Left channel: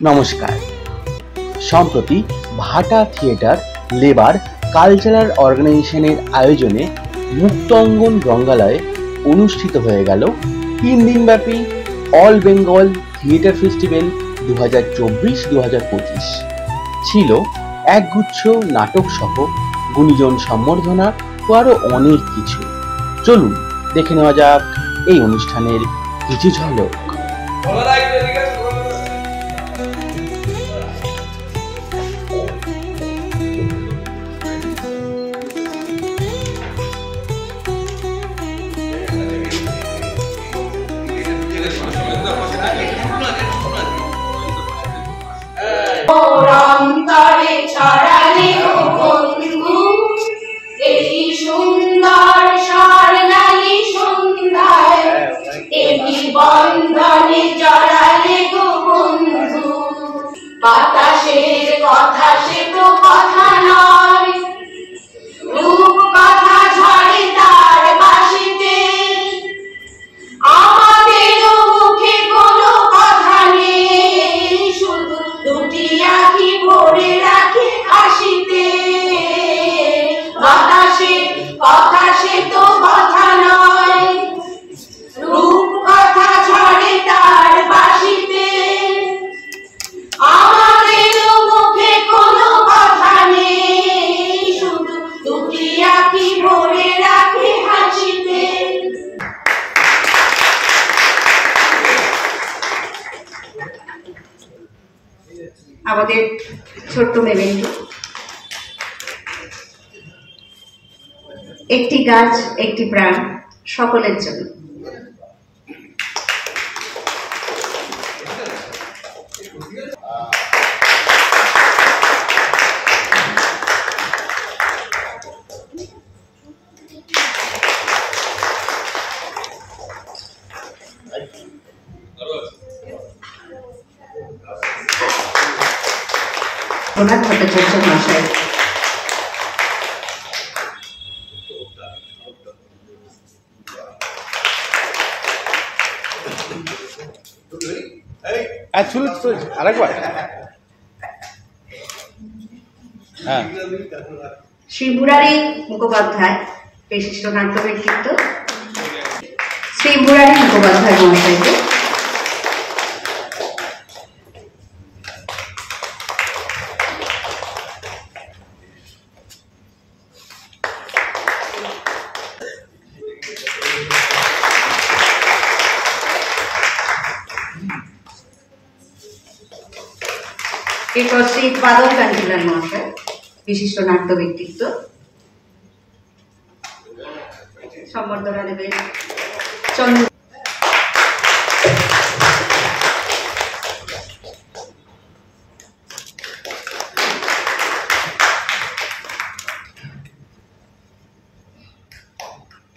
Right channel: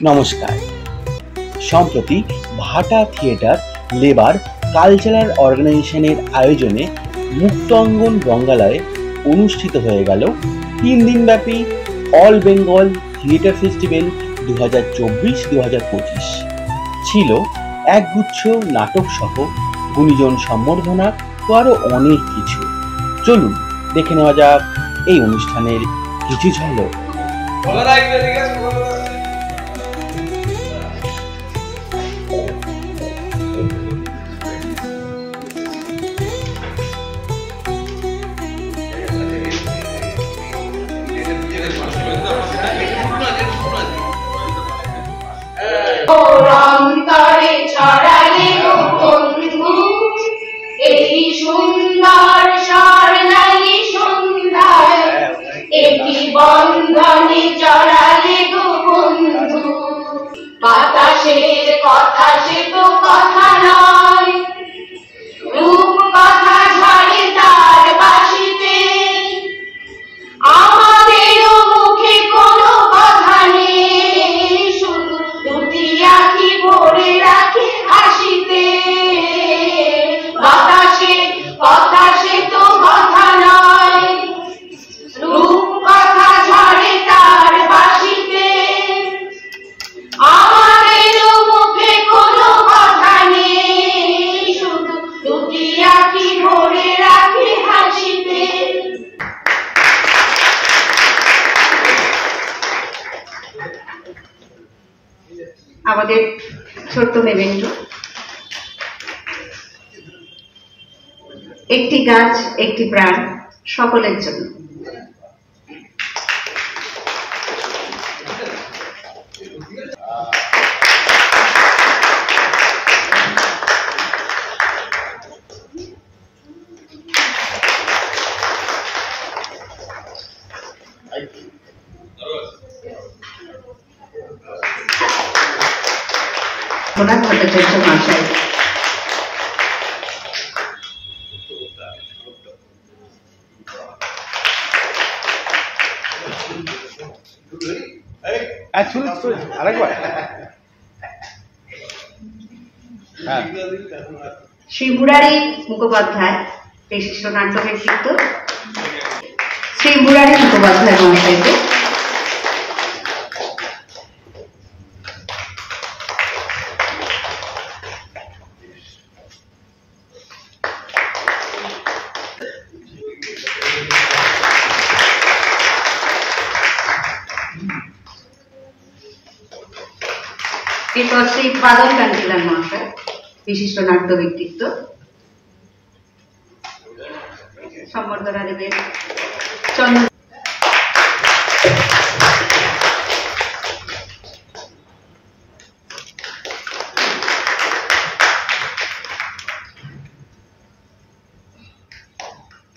নমস্কার। সম্প্রতি ভাটা থিয়েটার লেবার কালচারাল অর্গানাইজেশনের আয়োজনে মুক্ত অঙ্গন রঙ্গালয়ে অনুষ্ঠিত হয়ে গেল 3 দিনব্যাপী অল বেঙ্গল থিয়েটার ফেস্টিভ্যাল 2024-2025। ছিল একগুচ্ছ নাটক সহ গুণীজন সম্বর্ধনা ও আরো অনেক কিছু। চলুন দেখে নেওয়া যাক এই অনুষ্ঠানের কিছু ঝলক। বন্ধনে জড়ালে গো বন্ধু, বাতাসের কথা সে তো কথা নয়, রূপ কথা ঝরে তার বাঁশিতে, আমাদেরও মুখে কোনো কথা নেই, শুধু দুটি আঁখি ভরে রাখে হাসিতে। বাতাসের কথা সে তো কথা নয়, রূপ কথা ঝরে তার বাঁশিতে, আমাদেরও মুখে কোনো কথা নেই, শুধু দুটি আঁখি ভরে রাখে হাসিতে। আমাদের ছোট্ট মেমেন্টো, একটি গাছ একটি প্রাণ সকলের জন্য। ভট্টাচার্য মহাশয়, শ্রী মুরারি মুখোপাধ্যায়, বিশিষ্ট নাট্য ব্যক্তিত্ব শ্রী মুরারি মুখোপাধ্যায় মহাশয়কে, এরপর শ্রী বাদল কান্তিলাল মহাশয়, বিশিষ্ট নাট্য ব্যক্তিত্ব, সম্বর্ধনা দেবেন চন্দ্র।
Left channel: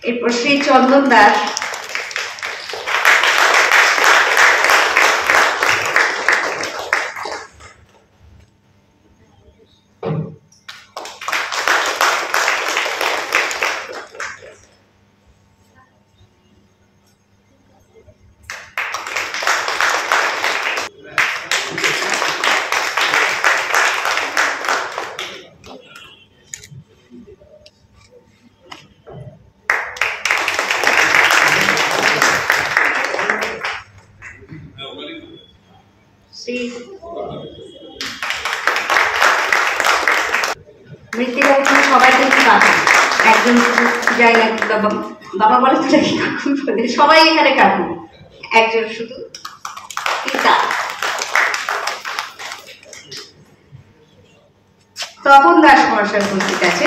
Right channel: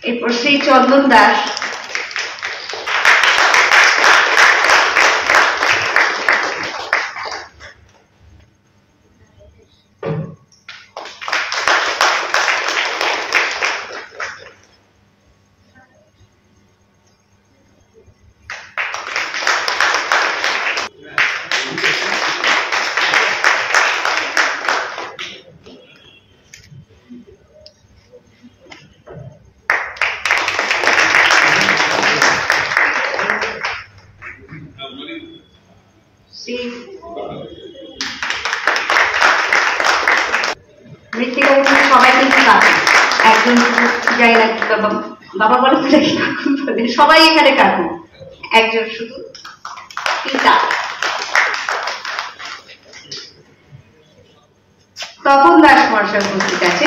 এরপর শ্রী চন্দন দাস, মৃত্যু সবাই কিন্তু কাকু, একজন যাই না বাবা বাবা বলে তো নাকি কাকু বলে, সবাই এখানে কাকু, একজন শুধু পিতা। তপন দাস মহাশয় উপস্থিত আছে।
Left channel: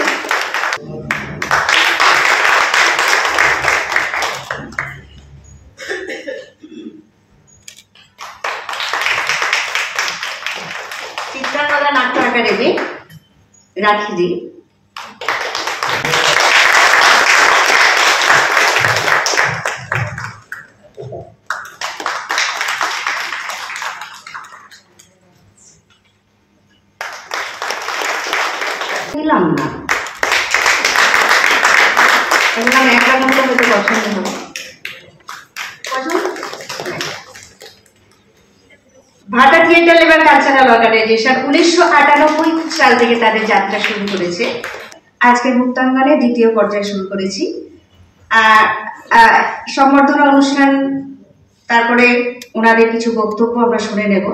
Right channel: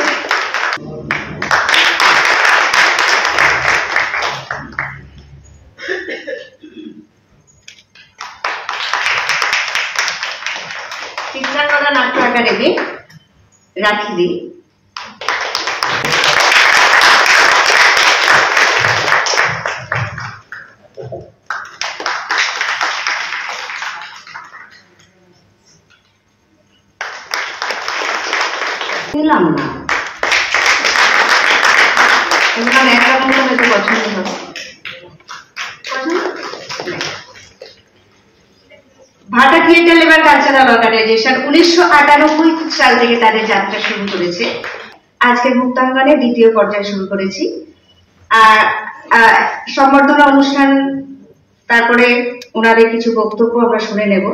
চিত্রাকলা নাট্য একাডেমি রাখিদি, পেলাম না, একটা মতো হয়তো পছন্দ হবে। ভাটা থিয়েটার লেবার কালচারাল অর্গানাইজেশন 1998 সাল থেকে তাদের যাত্রা শুরু করেছে। আজকে মুক্তাঙ্গনে দ্বিতীয় পর্যায়ে শুরু করেছি। সম্বর্ধনা অনুষ্ঠান, তারপরে ওনাদের কিছু বক্তব্য আমরা শুনে নেব।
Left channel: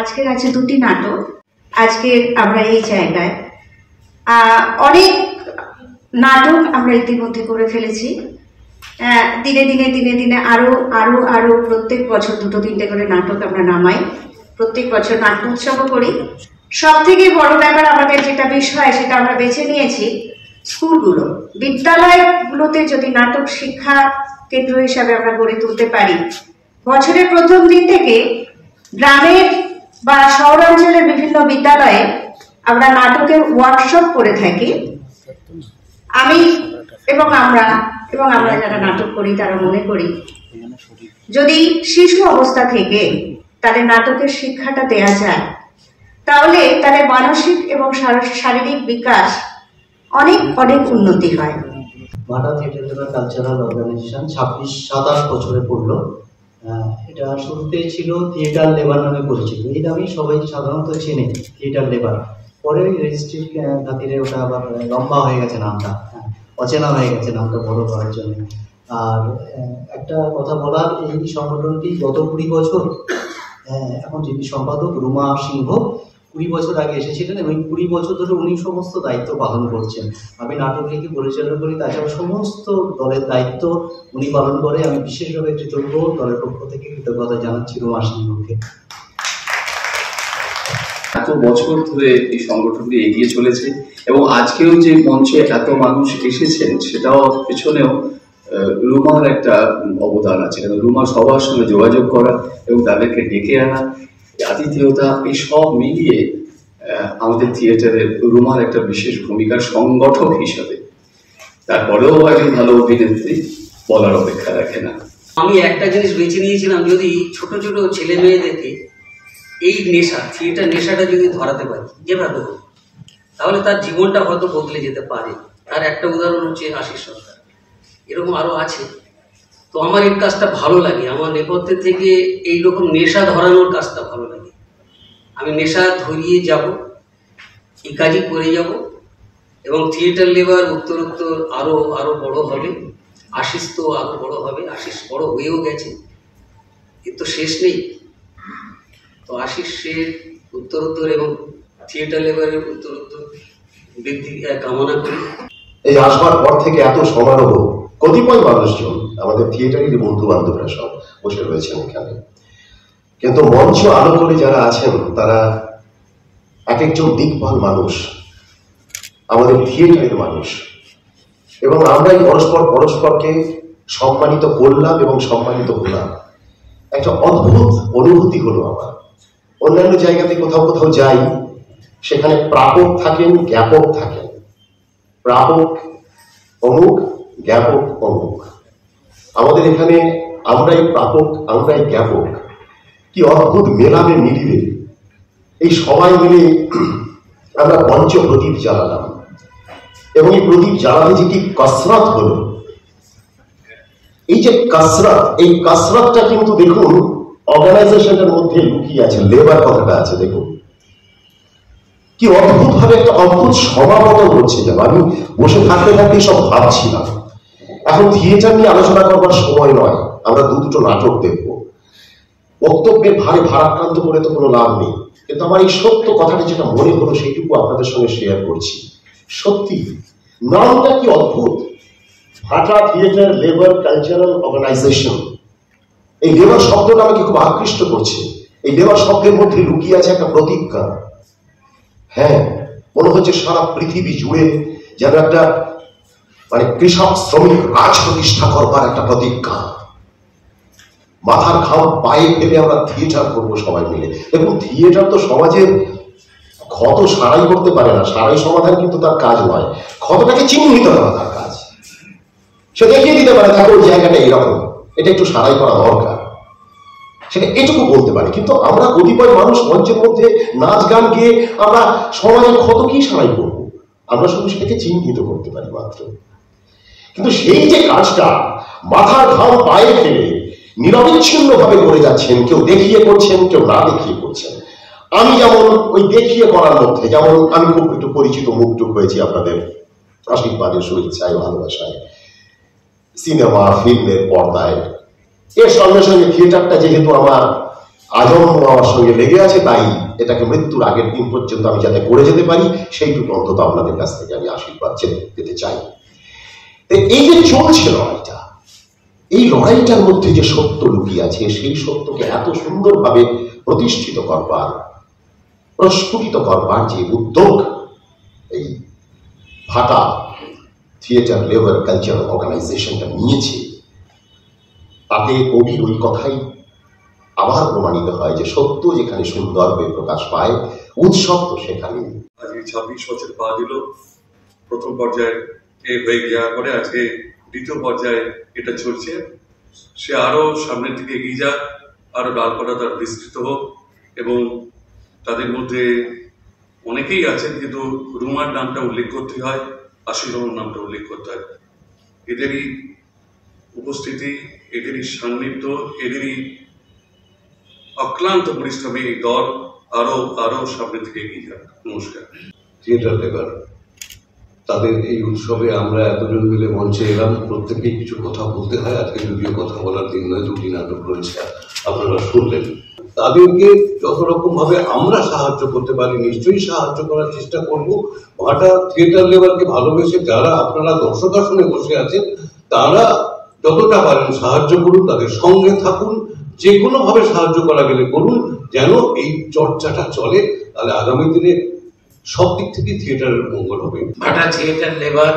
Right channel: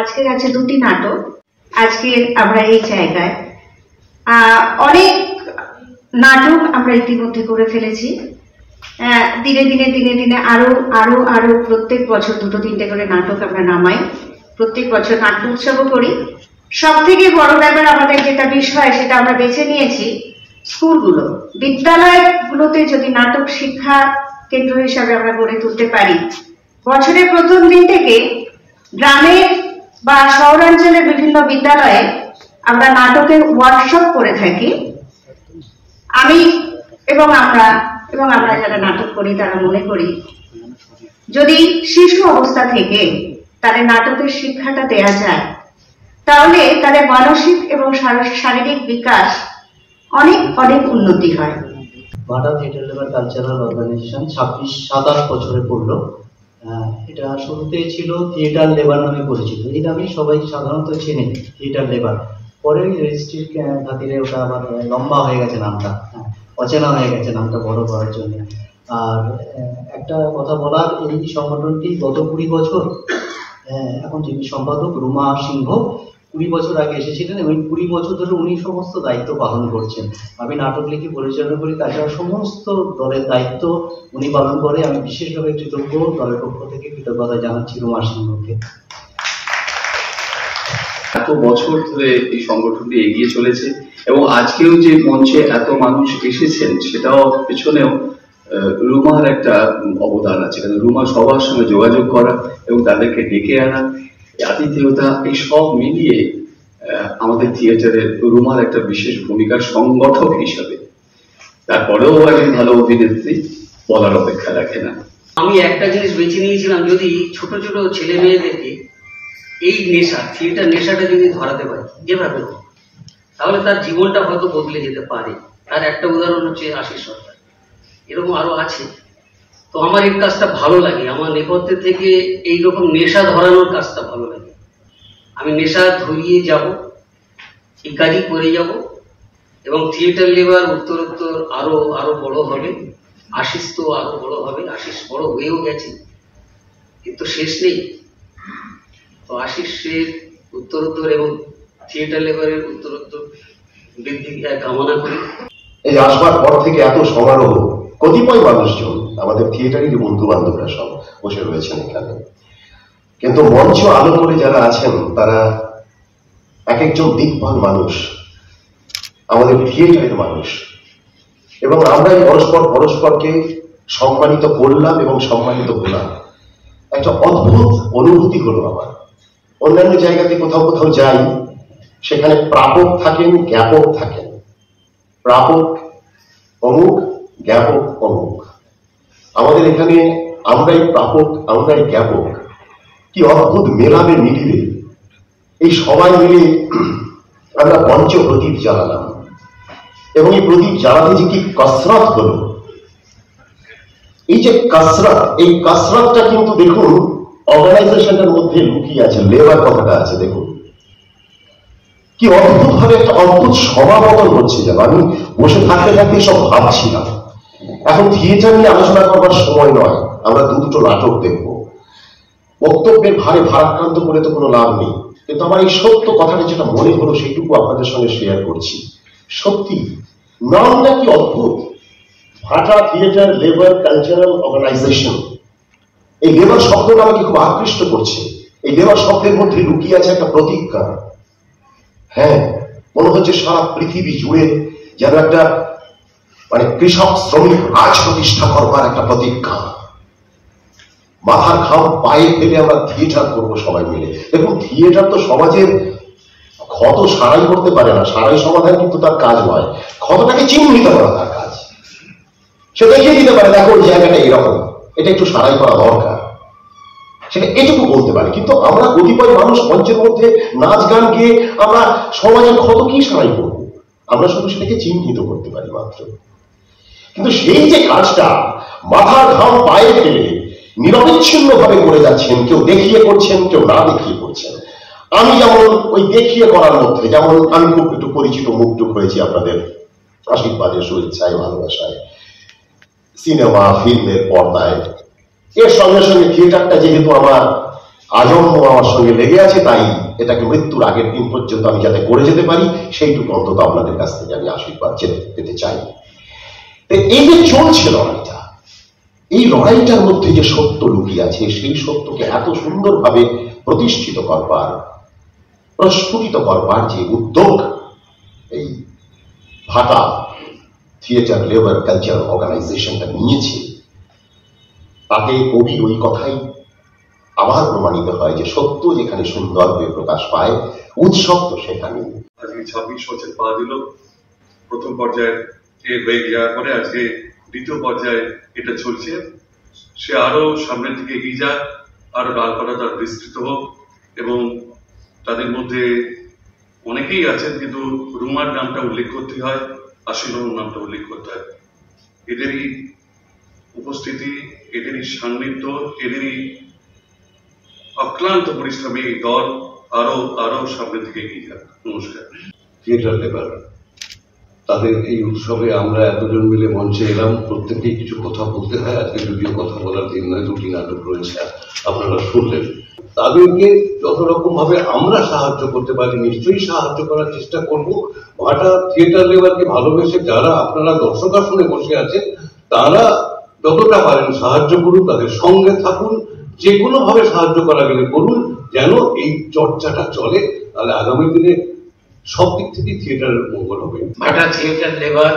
আজকের আছে দুটি নাটক। আজকে আমরা এই জায়গায় অনেক নাটক আমরা ইতিমধ্যে করে ফেলেছি। দিনে দিনে দিনে দিনে আরো আরো আরো প্রত্যেক বছর 2-3টে করে নাটক আমরা নামাই। প্রত্যেক বছর নাট্য উৎসবও করি। সব থেকে বড় ব্যাপার আমাদের যেটা বিষয়, সেটা আমরা বেছে নিয়েছি স্কুলগুলো, বিদ্যালয়গুলোতে যদি নাটক শিক্ষা কেন্দ্র হিসাবে আমরা গড়ে তুলতে পারি। বছরের প্রথম দিন থেকে গ্রামের বা শহরাঞ্চলের বিভিন্ন বিদ্যালয়ে আমরা নাটকের ওয়ার্কশপ করে থাকি। আমি এবং আমরা যারা নাটক করি তারা মনে করি, যদি শিশু অবস্থা থেকে তাদের নাটকের শিক্ষাটা দেয়া যায়, তাহলে তাদের মানসিক এবং শারীরিক বিকাশ অনেক অনেক উন্নতি হয়। ভাটা থিয়েটার লেবার কালচারাল অর্গানাইজেশন 27 বছরে পড়লো। এটা শুরুতে ছিল থিয়েটার লেবার নামে পরিচিত। এই নামেই সবাই সাধারণত চেনে, থিয়েটার লেবার। পরে রেজিস্ট্রির খাতিরে ওটা আবার লম্বা হয়ে গেছে নামটা, অচেনা হয়ে গেছে নামটা বড় করার জন্য। আর একটা কথা বলার, এই সংগঠনটি গত 20 বছর, এখন যিনি সম্পাদক রুমা সিংহ 20 বছর আগে এসেছিলেন এবং 20 বছর ধরে উনি সমস্ত দায়িত্ব পালন করছেন। আমি নাটক লিখে পরিচালনা করি, তাছাড়া সমস্ত দলের দায়িত্ব উনি পালন করে। আমি বিশেষভাবে কৃতজ্ঞ, দলের পক্ষ থেকে কৃতজ্ঞতা জানাচ্ছি রুমা সিংহকে। এত বছর ধরে এই সংগঠনটি এগিয়ে চলেছে এবং আজকেও যে মঞ্চে এত মানুষ এসেছেন, সেটাও পেছনেও রুমার একটা অবদান আছে। রুমা সবার সঙ্গে যোগাযোগ করা এবং তাদেরকে ডেকে আনা, আতিথেয়তা, এই সব মিলিয়ে আমাদের থিয়েটারের রুমার একটা বিশেষ ভূমিকা সংগঠক হিসাবে। তারপরেও একজন ভালো অভিনেত্রী বলার অপেক্ষা রাখে না। আমি একটা জিনিস বেছে নিয়েছিলাম, যদি ছোট ছোট ছেলে মেয়েদেরকে এই নেশা, থিয়েটার নেশাটা যদি ধরাতে পারি যেভাবে হোক, তাহলে তার জীবনটা হয়তো বদলে যেতে পারে। তার একটা উদাহরণ হচ্ছে আশিস সরকার, এরকম আরো আছে। তো আমার এই কাজটা ভালো লাগে, আমার নেপথ্যে থেকে এইরকম নেশা ধরানোর কাজটা ভালো লাগে। আমি নেশা ধরিয়ে যাব, এই কাজই করে যাব এবং থিয়েটার লেবার উত্তরোত্তর আরো আরো বড় হবে। আশিস তো আরো বড় হবে, আশিস বড় হয়েও গেছে, এর তো শেষ নেই। তো আশিসের উত্তরোত্তর এবং থিয়েটার লেবারের উত্তরোত্তর বৃদ্ধি কামনা করি। এই আসবার পর থেকে এত সমারোহ, কতিপয় মানুষজন আমাদের থিয়েটারের বন্ধু বান্ধবরা সব বসে রয়েছেন এখানে, কিন্তু মঞ্চ আলো করে যারা আছেন তারা এক একজন দিকপাল মানুষ, আমাদের থিয়েটারের মানুষ। এবং আমরাই পরস্পরকে সম্মানিত করলাম এবং সম্মানিত হলাম। একটা অদ্ভুত অনুভূতি হলো আমার। অন্যান্য জায়গাতে কোথাও কোথাও যাই, সেখানে প্রাপক থাকেন, জ্ঞাপক থাকেন। প্রাপক অমুক, জ্ঞাপক অমুক। আমাদের এখানে আমরাই প্রাপক, আমরাই জ্ঞাপক। কি অদ্ভুত মেলাবে মিলিবে। এই সবাই মিলে আমরা পঞ্চ প্রদীপ জ্বালালাম এবং এই প্রদীপ জ্বালাতে যে কি কসরত হলো। এই যে কসরত, এই কসরতটা কিন্তু দেখুন অর্গানাইজেশনের মধ্যে লুকিয়ে আছে, লেবার কথাটা আছে। দেখুন কি অদ্ভুত ভাবে একটা অদ্ভুত সমাবর্তন হচ্ছে। যেন আমি বসে থাকতে থাকতে সব ভাবছিলাম, এখন থিয়েটার নিয়ে আলোচনা করবার সময় নয়, আমরা দুটো নাটক দেখব। বক্তব্যের ভারে ভারাক্রান্ত করে তো কোনো লাভ নেই, কিন্তু আমার এই সত্য কথাটা যেটা মনে হলো সেইটুকু আপনাদের সঙ্গে শেয়ার করছি। সত্যি নামটা কি অদ্ভুত, ভাটা থিয়েটার লেবার কালচারাল অর্গানাইজেশন। এই লেবার শব্দটা আমাকে খুব আকৃষ্ট করছে। এই লেবার শব্দের মধ্যে লুকিয়ে আছে একটা প্রতিজ্ঞা। হ্যাঁ, মনে হচ্ছে সারা পৃথিবী জুড়ে যেন একটা মানে কৃষক শ্রমিক রাজ প্রতিষ্ঠা করবার একটা প্রতিজ্ঞা। মাথার ঘাম পায়ে ফেলে আমরা থিয়েটার করবো সবাই মিলে। এবং থিয়েটার তো সমাজের ক্ষত সারাই করতে পারে না, সারাই সমাধান কিন্তু তার কাজ নয়। ক্ষতটাকে চিহ্নিত করা তার কাজ। সে দেখিয়ে দিতে পারে, দেখো ওই জায়গাটা এরকম, এটা একটু সারাই করা দরকার, সেটা এটুকু বলতে পারে। কিন্তু আমরা কতিপয় মানুষ মঞ্চের মধ্যে নাচ গান গিয়ে আমরা সমাজের ক্ষত কি সারাই করবো, আমরা শুধু সেটাকে চিহ্নিত করতে পারি মাত্র। কিন্তু সেই যে কাজটা মাথার ঘাম পায়ে ফেলে নিরবিচ্ছিন্ন ভাবে করে যাচ্ছেন, কেউ দেখিয়ে করছেন, কেউ না দেখিয়ে করছেন, আমি যেমন ওই দেখিয়ে করার মধ্যে, যেমন আমি খুব একটু পরিচিত মুখ হয়েছি আপনাদের আশীর্বাদের, শুভেচ্ছায়, ভালোবাসায়, সিনেমা ফিল্মের পর্দায়। এর সঙ্গে সঙ্গে থিয়েটারটা যেহেতু আমার আজন্ম আমার সঙ্গে লেগে আছে, তাই এটাকে মৃত্যুর আগের দিন পর্যন্ত আমি যাতে করে যেতে পারি সেইটুকু অন্তত আপনাদের কাছ থেকে আমি আশীর্বাদ পেতে চাই। এই যে চলছে লড়াইটা, এই লড়াইটার মধ্যে যে সত্য লুকিয়ে আছে, সেই সত্যকে এত সুন্দরভাবে প্রতিষ্ঠিত করবার, প্রস্ফুটিত করবার যে উদ্যোগ এই ভাটা থিয়েটার লেবার কালচার অর্গানাইজেশনটা নিয়েছে, তাতে কবির ওই কথাই আবার প্রমাণিত হয় যে সত্য যেখানে সুন্দরভাবে প্রকাশ পায়, উৎসব তো সেখানে। আজকে 26 বছর পা দিল। প্রথম পর্যায়ে হয়ে যাওয়ার পরে আজকে দ্বিতীয় পর্যায়ে এটা চলছে। সে আরো সামনের দিকে এগিয়ে যাক, আরো ডালপালা তার বিস্তৃত হোক, এবং তাদের মধ্যে অনেকেই আছেন, কিন্তু রুমার নামটা উল্লেখ করতে হয়, আশিস রহমান নামটা উল্লেখ করতে হয়। এদেরই উপস্থিতি, এদেরই সান্নিধ্য, এদেরই অক্লান্ত পরিশ্রমী দল আরো সামনের দিকে এগিয়ে যাক। নমস্কার। থিয়েটার লেবার তাদের এই উৎসবে আমরা এতজন মিলে মঞ্চে এলাম, প্রত্যেকেই কিছু কথা বলতে হয়। আজকে যদিও কথা বলার দিন নয়, 2টি নাটক রয়েছে, আপনারা শুনলেন। তাদেরকে যত রকম ভাবে আমরা সাহায্য করতে পারি নিশ্চয়ই সাহায্য করার চেষ্টা করব। ভাটা থিয়েটার লেবারকে ভালোবেসে যারা আপনারা দর্শক আসনে বসে আছেন, তারা যতটা পারেন সাহায্য করুন, তাদের সঙ্গে থাকুন, যে কোনো ভাবে সাহায্য করা গেলে করুন, যেন এই চর্চাটা চলে। তাহলে আগামী দিনে সব দিক থেকে থিয়েটারের মঙ্গল হবে। ভাটা থিয়েটার লেবার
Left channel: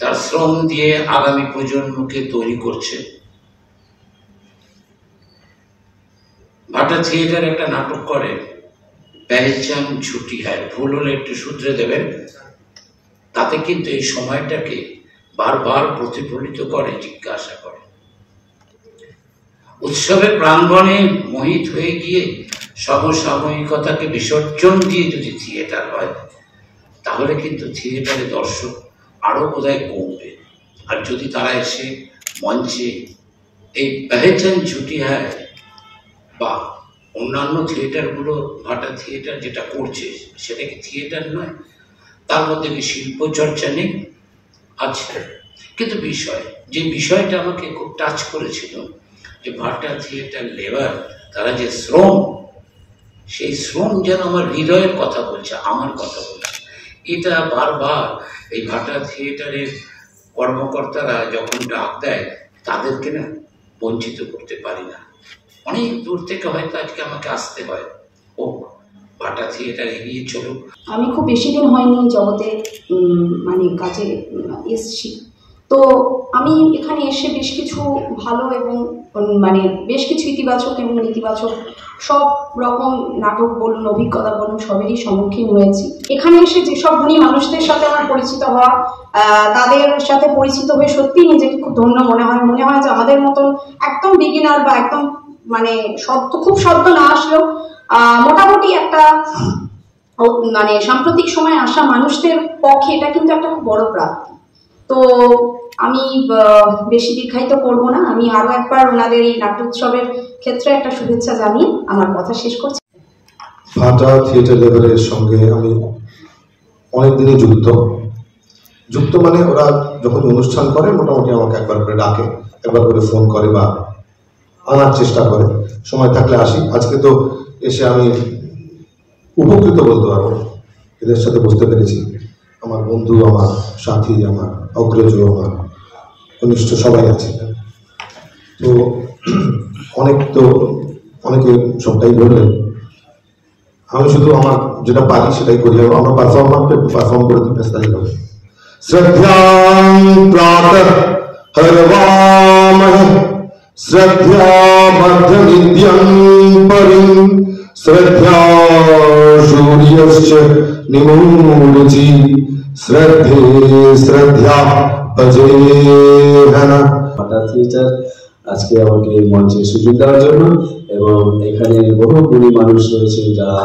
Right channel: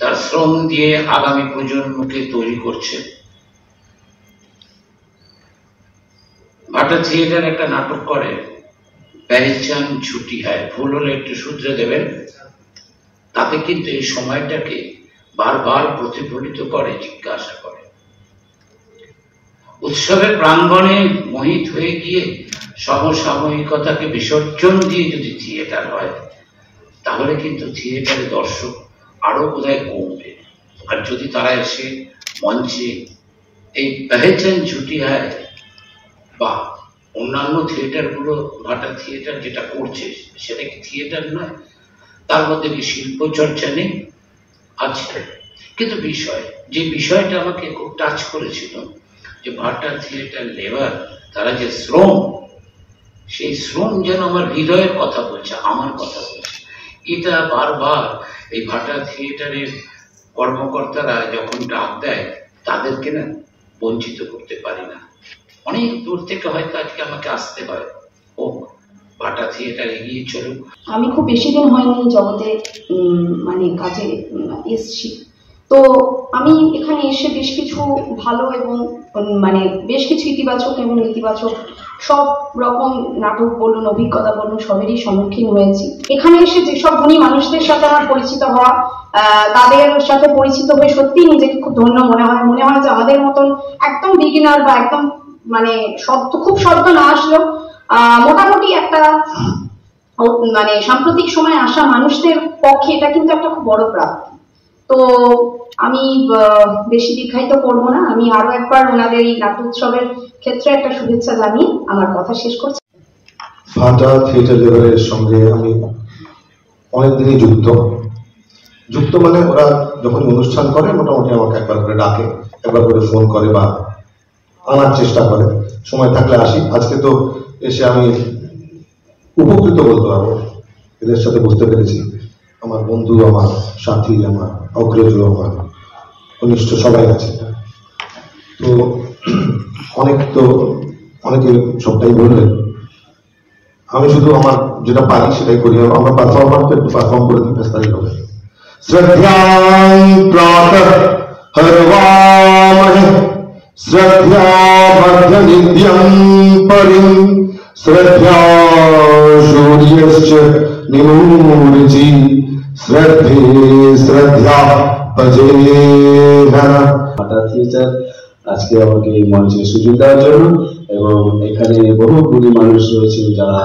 তার শ্রম দিয়ে আগামী প্রজন্মকে তৈরি করছে। ভাটা থিয়েটার একটা নাটক করে, পেহচান ছুটি হয়, ভুল হলে একটু শুধরে দেবেন। তাতে কিন্তু এই সময়টাকে বারবার প্রতিফলিত করে, জিজ্ঞাসা করে। উৎসবের প্রাঙ্গণে মোহিত হয়ে গিয়ে সমসাময়িকতাকে বিসর্জন দিয়ে যদি থিয়েটার হয়, তাহলে কিন্তু থিয়েটারে দর্শক আরো বোধহয় কমবে। আর যদি তারা এসে মঞ্চে এই পেহচান ছুটি হয় বা অন্যান্য থিয়েটারগুলো, ভাটা থিয়েটার যেটা করছে সেটা কি থিয়েটার নয়? তার মধ্যে কি শিল্প চর্চা নেই? আছে। কিন্তু যে বিষয়টা আমাকে খুব টাচ করেছিল, যে ভাটা থিয়েটার লেবার তারা যে শ্রম, সেই শ্রম যেন আমার হৃদয়ের কথা বলছে, আমার কথা বলছে। এটা বারবার এই ভাটা থিয়েটারের কর্মকর্তারা যখন ডাক দেয়, তাদেরকে না বঞ্চিত করতে পারি না। অনেক দূর থেকে হয়তো আজকে আমাকে আসতে হয়, ও ভাটা থিয়েটার এগিয়ে চলুক। আমি খুব বেশি দিন হয়নি জগতে মানে কাজে এসছি, তো আমি এখানে এসে বেশ কিছু ভালো এবং মানে বেশ কিছু ইতিবাচক এবং নেতিবাচক সব রকম নাটক বলুন, অভিজ্ঞতা বলুন, সবেরই সম্মুখীন হয়েছি। এখানে এসে যেসব ধনী মানুষদের সাথে আমার পরিচিত হওয়া, তাদের সাথে পরিচিত হয়ে সত্যিই নিজেকে খুব ধন্য মনে হয় যে আমাদের মতন একদম বিগিনার বা একদম মানে খুব শব্দ না আসলেও মোটামুটি একটা মানে সাম্প্রতিক সময় আসা মানুষদের পক্ষে এটা কিন্তু একটা খুব বড় প্রাপ্তি। তো আমি বেশি দীর্ঘায়িত করব না, আমি আরো একবার ওনাদের এই নাট্যোৎসবের ক্ষেত্রে একটা শুভেচ্ছা জানিয়ে আমার কথা শেষ করছি। ভাটা থিয়েটার লেবারের সঙ্গে আমি অনেকদিনই যুক্ত মানে ওরা যখন অনুষ্ঠান করে মোটামুটি আমাকে একবার করে ডাকে, একবার করে ফোন করে বা আনার চেষ্টা করে, সময় থাকলে আসি। আজকে তো এসে আমি উপকৃত বলতে পারবো, এদের সাথে বুঝতে পেরেছি আমার বন্ধু, আমার সাথী, আমার অগ্রজ, আমার ঘনিষ্ঠ সবাই আছে। তো অনেকে সবটাই বললেন, আমি শুধু আমার যেটা পারি সেটাই করি। আমরা পারফর্মারকে একটু পারফর্ম করে দিই, ব্যস্ত হবে। শ্রদ্ধাং প্রাতঃ হরবামহে শ্রদ্ধাবর্ধনিত্যং পরিং শ্রদ্ধা সূর্যশ্চ নিমূঢ়চি শ্রদ্ধে শ্রদ্ধা ভজেহনা। ভাটা থিয়েটার আজকে আমাকে এই মঞ্চে সুযোগ দেওয়ার জন্য, এবং এখানে বহু গুণী মানুষ রয়েছে যারা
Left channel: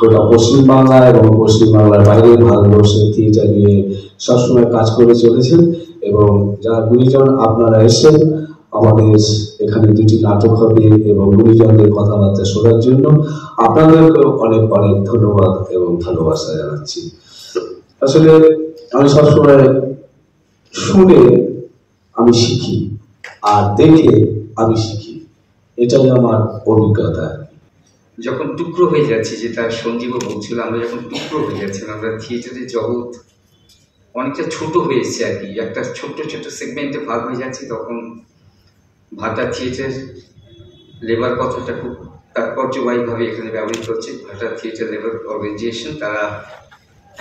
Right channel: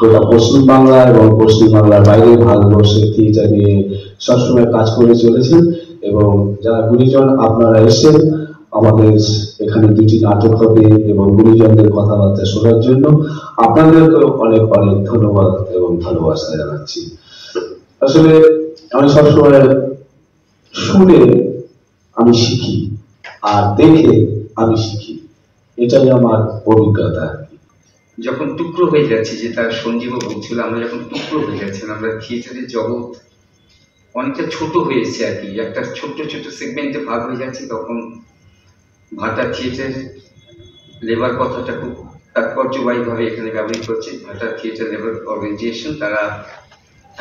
গোটা পশ্চিমবাংলা এবং পশ্চিমবাংলার বাইরে ভারতবর্ষের থিয়েটার নিয়ে সবসময় কাজ করে চলেছেন, এবং যারা গুণীজন আপনারা এসেছেন, আমাদের এখানে দুটি নাটক হবে এবং গুণীজনদের কথাবার্তা শোনার জন্য আপনাদেরকে অনেক অনেক ধন্যবাদ এবং ভালোবাসা জানাচ্ছি। আসলে আমি সবসময় শুনে আমি শিখি আর দেখে আমি শিখি, এটাই আমার অভিজ্ঞতা। যখন টুকরো হয়ে যাচ্ছে, যেটা সঞ্জীবও বলছিল, আমরা যখন টুকরো হয়ে যাচ্ছি, আমরা থিয়েটারের জগৎ অনেকটা ছোট হয়েছে আর কি, একটা ছোট্ট ছোট্ট সেগমেন্টে ভাগ হয়ে যাচ্ছে, তখন ভাটা থিয়েটার লেবার কথাটা খুব তাৎপর্যবাহীভাবে এখানে ব্যবহৃত হচ্ছে। ভাটা থিয়েটার লেবার অর্গানাইজেশন, তারা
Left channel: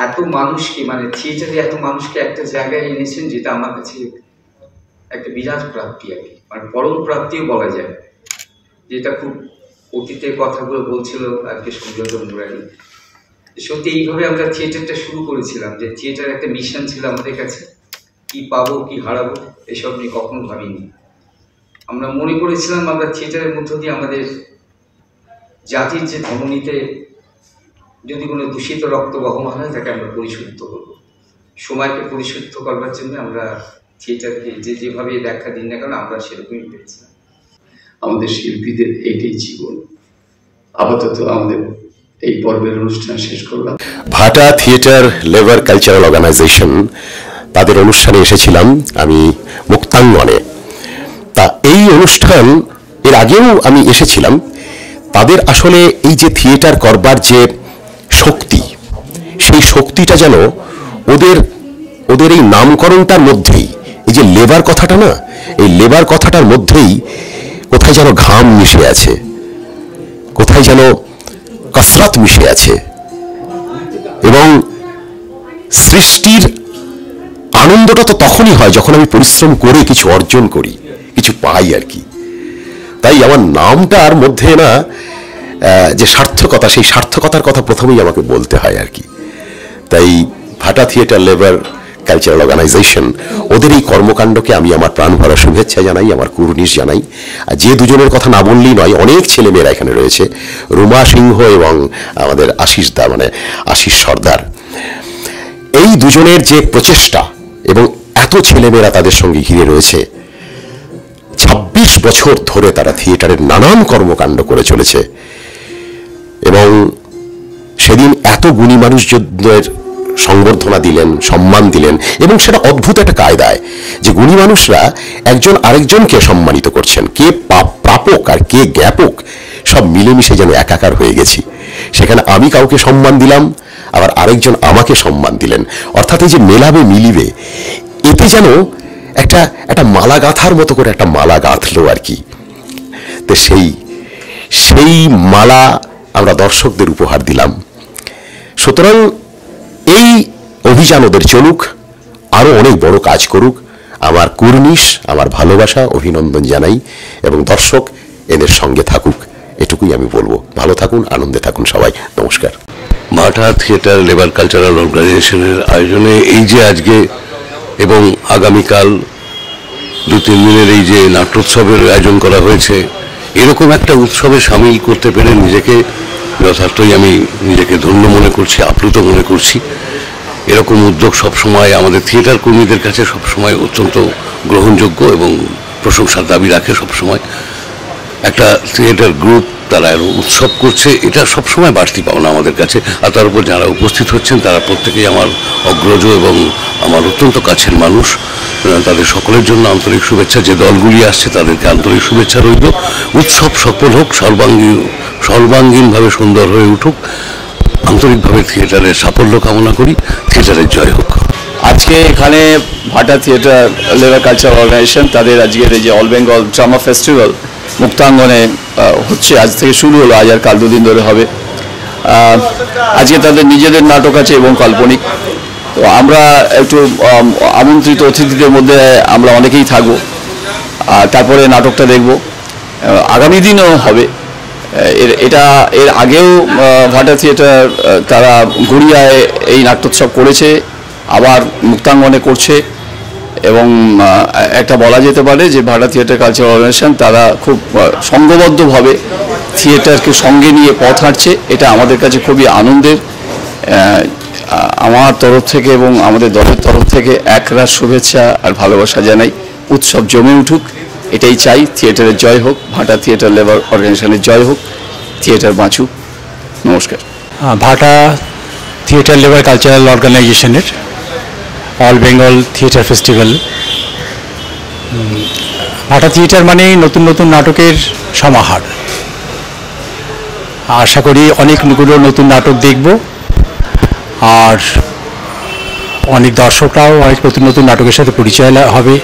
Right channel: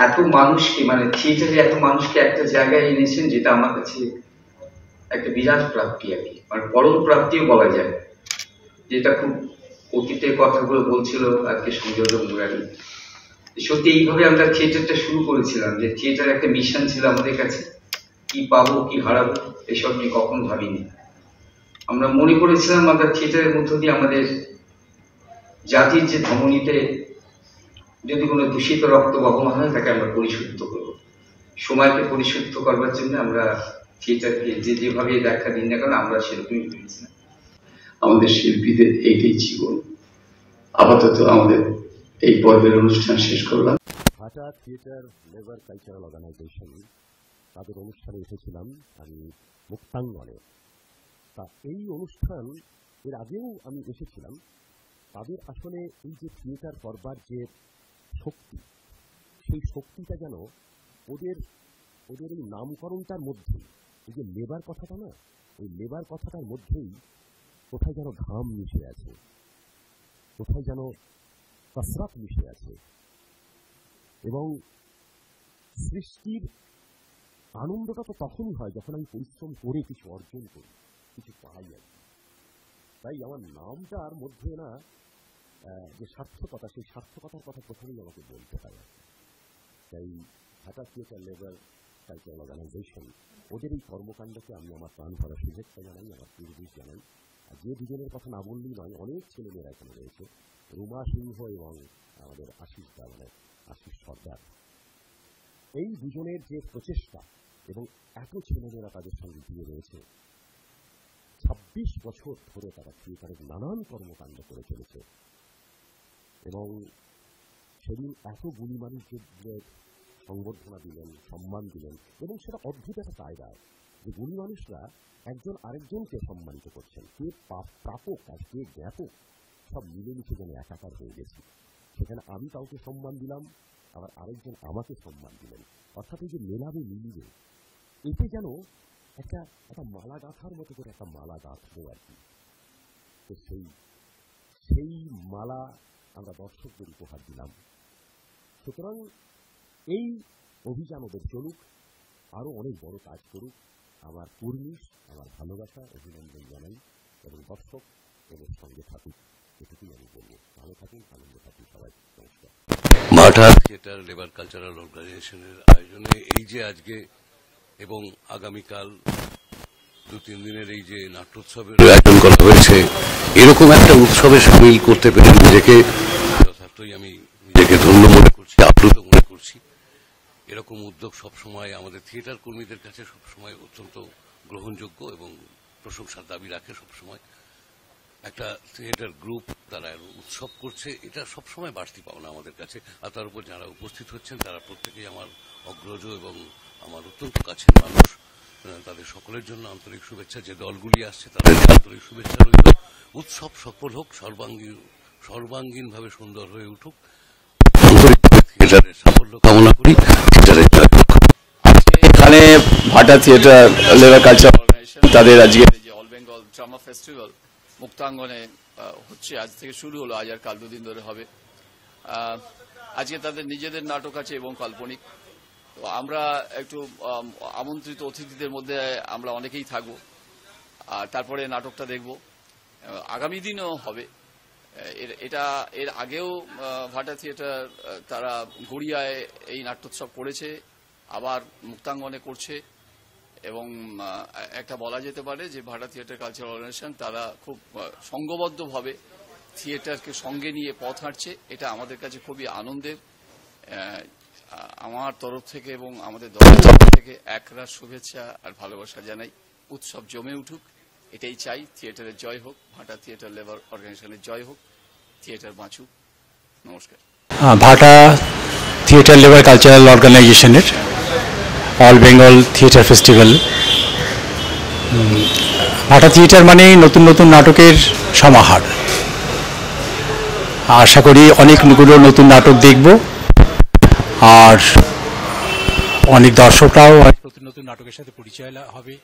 এত মানুষকে, মানে থিয়েটারে এত মানুষকে একটা জায়গায় এনেছেন, যেটা আমার কাছে একটা বিরাট প্রাপ্তি আর কি, মানে পরম প্রাপ্তিও বলা যায়। যেটা খুব অতীতের কথাগুলো বলছিল আজকে সংযোজন মুরারি, সত্যি এইভাবে আমরা থিয়েটারটা শুরু করেছিলাম, যে থিয়েটার একটা মিশন ছিল আমাদের কাছে, কি পাবো কি হারাবো এসব নিয়ে কখনো ভাবিনি। আমরা মনে করেছিলাম আমরা থিয়েটারের মধ্য দিয়ে আমাদের জাতির যে ধমনীতে যদি কোনো দূষিত রক্ত বহমান হয় তাকে আমরা পরিশুদ্ধ করব। সময়কে পরিশুদ্ধ করবার জন্য আমরা থিয়েটারকে যেভাবে ব্যাখ্যা দিন না কারণ আমরা সেরকমই পেয়েছিলাম। আমাদের শিল্পীদের এইটাই জীবন। আপাতত আমাদের এই পর্বের অনুষ্ঠান শেষ করলাম। ভাটা থিয়েটার লেবার কালচারাল অর্গানাইজেশন, তাদের অনুষ্ঠানে এসেছিলাম আমি মুক্তাঙ্গনে। তা এই অনুষ্ঠান এর আগেও আমি এসেছিলাম। তাদের আসলে এই যে থিয়েটার করবার যে শক্তি, সেই শক্তিটা যেন ওদের এই নামকরণটার মধ্যেই, এই যে লেবার কথাটা না, এই লেবার কথাটার মধ্যেই কোথায় যেন ঘাম মিশে আছে, কোথায় যেন কসরত মিশে আছে, এবং সৃষ্টির আনন্দটা তো তখনই হয় যখন আমি পরিশ্রম করে কিছু অর্জন করি, কিছু পাই আর কি। তাই আমার নামটার মধ্যে না যে সার্থকতা, সেই সার্থকতার কথা প্রথমেই আমাকে বলতে হয় আর কি। তাই ভাটা থিয়েটার লেবার কালচারাল অর্গানাইজেশন, ওদের এই কর্মকাণ্ডকে আমি আমার প্রাণ ভরা শুভেচ্ছা জানাই, আমার কুর্নিশ জানাই। আর যে দুজনের কথা না বললেই নয়, অনেক ছেলেমেয়েরা এখানে রয়েছে, রুমা সিংহ এবং আমাদের আশিস দা, মানে আশিস সর্দার। এই দুজনের যে প্রচেষ্টা এবং এত ছেলেমেয়েরা তাদের সঙ্গে ঘিরে রয়েছে, 26 বছর ধরে তারা থিয়েটারের নানান কর্মকাণ্ড করে চলেছে। এবং সেদিন এত গুণী মানুষদের সংবর্ধনা দিলেন, সম্মান দিলেন, এবং সেটা অদ্ভুত একটা কায়দায় যে গুণী মানুষরা একজন আরেকজনকে সম্মানিত করছেন, কে প্রাপক আর কে জ্ঞাপক সব মিলেমিশে যেন একাকার হয়ে গেছি। সেখানে আমি কাউকে সম্মান দিলাম, আবার আরেকজন আমাকে সম্মান দিলেন, অর্থাৎ এই যে মেলাবে মিলিবে, এতে যেন একটা মালা গাঁথার মতো করে একটা মালা গাঁথলো আর কি। তো সেই মালা আমরা দর্শকদের উপহার দিলাম। সুতরাং এই অভিযান ওদের চলুক, আরো অনেক বড় কাজ করুক, আমার কুর্নিশ, আমার ভালোবাসা, অভিনন্দন জানাই, এবং দর্শক এদের সঙ্গে থাকুক, এটুকুই আমি বলবো। ভালো থাকুন, আনন্দে থাকুন সবাই। নমস্কার। ভাটা থিয়েটার লেবার কালচারাল অর্গানাইজেশনের আয়োজনে এই যে আজকে এবং আগামীকাল 2-3 দিনের এই যে নাট্যোৎসবের আয়োজন করা হয়েছে, এরকম একটা উৎসবে সামিল করতে পেরে নিজেকে যথার্থই আমি নিজেকে ধন্য মনে করছি, আপ্লুত মনে করছি। এরকম উদ্যোগ সবসময় আমাদের থিয়েটার কর্মীদের কাছে সবসময় অত্যন্ত গ্রহণযোগ্য এবং প্রশংসার দাবি রাখে। সবসময় একটা থিয়েটার গ্রুপ তারা উৎসব করছে, এটা সবসময় বাড়তি পাওনা আমাদের কাছে। আর তার উপর যারা উপস্থিত হচ্ছেন তারা প্রত্যেকেই আমার অগ্রজ এবং আমার অত্যন্ত কাছের মানুষ। তাদের সকলের জন্য আন্তরিক শুভেচ্ছা। যে দলগুলি আসছে তাদেরকে আন্তরিক শুভেচ্ছা রইল। উৎসব সফল হোক, সর্বাঙ্গীনভাবে সুন্দর হয়ে উঠুক। আন্তরিকভাবে থিয়েটারের সাফল্য কামনা করি, থিয়েটারের জয় হোক। আজকে এখানে ভাটা থিয়েটার লেবার কালচারাল অর্গানাইজেশন তাদের আজকের এই যে অল বেঙ্গল ড্রামা ফেস্টিভ্যাল মুক্তাঙ্গনে হচ্ছে, আজ থেকে শুরু হলো, আজ আর কাল 2 দিন ধরে হবে। আজকে তাদের নিজেদের নাটক আছে এবং কাল্পনিক। তো আমরা একটু আমন্ত্রিত অতিথিদের মধ্যে আমরা অনেকেই থাকবো, আর তারপরে নাটকটা দেখব। আগামী দিনও হবে এর আগেও ভাটা থিয়েটার তারা গড়িয়ায় এই নাট্যোৎসব করেছে, আবার মুক্তাঙ্গনে করছে। এবং একটা বলা যেতে পারে যে ভাটা থিয়েটার কালচারাল অর্গানাইজেশন তারা খুব সংঘবদ্ধভাবে থিয়েটারকে সঙ্গে নিয়ে পথ হাঁটছে। এটা আমাদের কাছে খুবই আনন্দের। আমার তরফ থেকে এবং আমাদের দলের তরফ থেকে একরাশ শুভেচ্ছা আর ভালোবাসা জানাই। উৎসব জমে উঠুক, এটাই চাই, থিয়েটারের জয় হোক, ভাটা থিয়েটার লেবার অর্গানাইজেশনের জয় হোক, থিয়েটার বাঁচুক। নমস্কার। ভাটা থিয়েটার লেবার কালচারাল অর্গানাইজেশনের অল বেঙ্গল থিয়েটার ফেস্টিভ্যাল। ভাটা থিয়েটার মানেই নতুন নতুন নাটকের সমাহার। আশা করি অনেকগুলো নতুন নাটক দেখব, আর অনেক দর্শকরাও অনেক নতুন নতুন নাটকের সাথে পরিচয় হবে।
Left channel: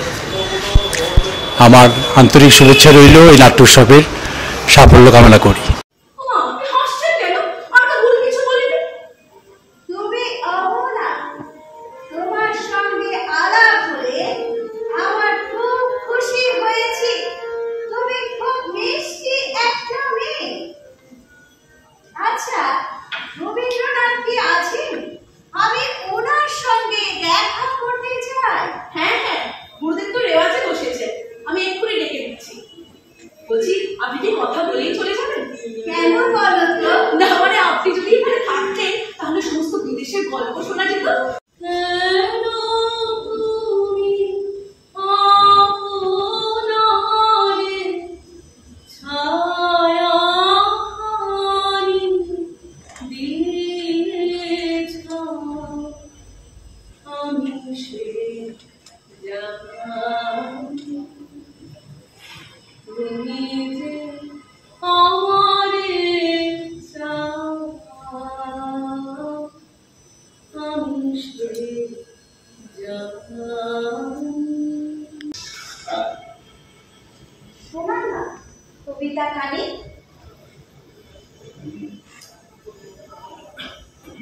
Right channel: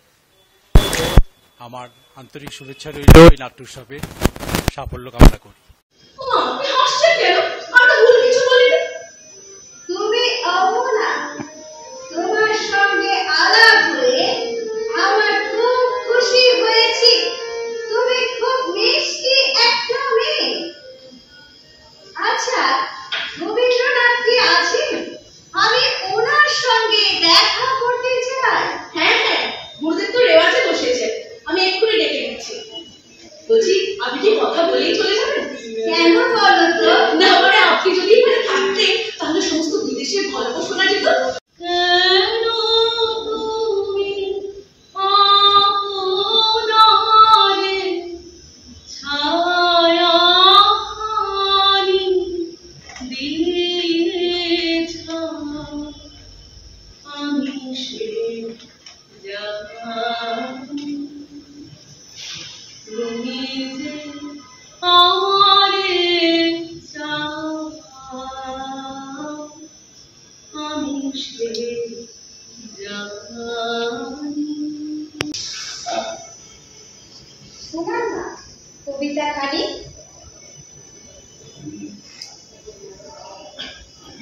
আমার আন্তরিক শুভেচ্ছা রইল এই নাট্য উৎসবের সাফল্য কামনা করি।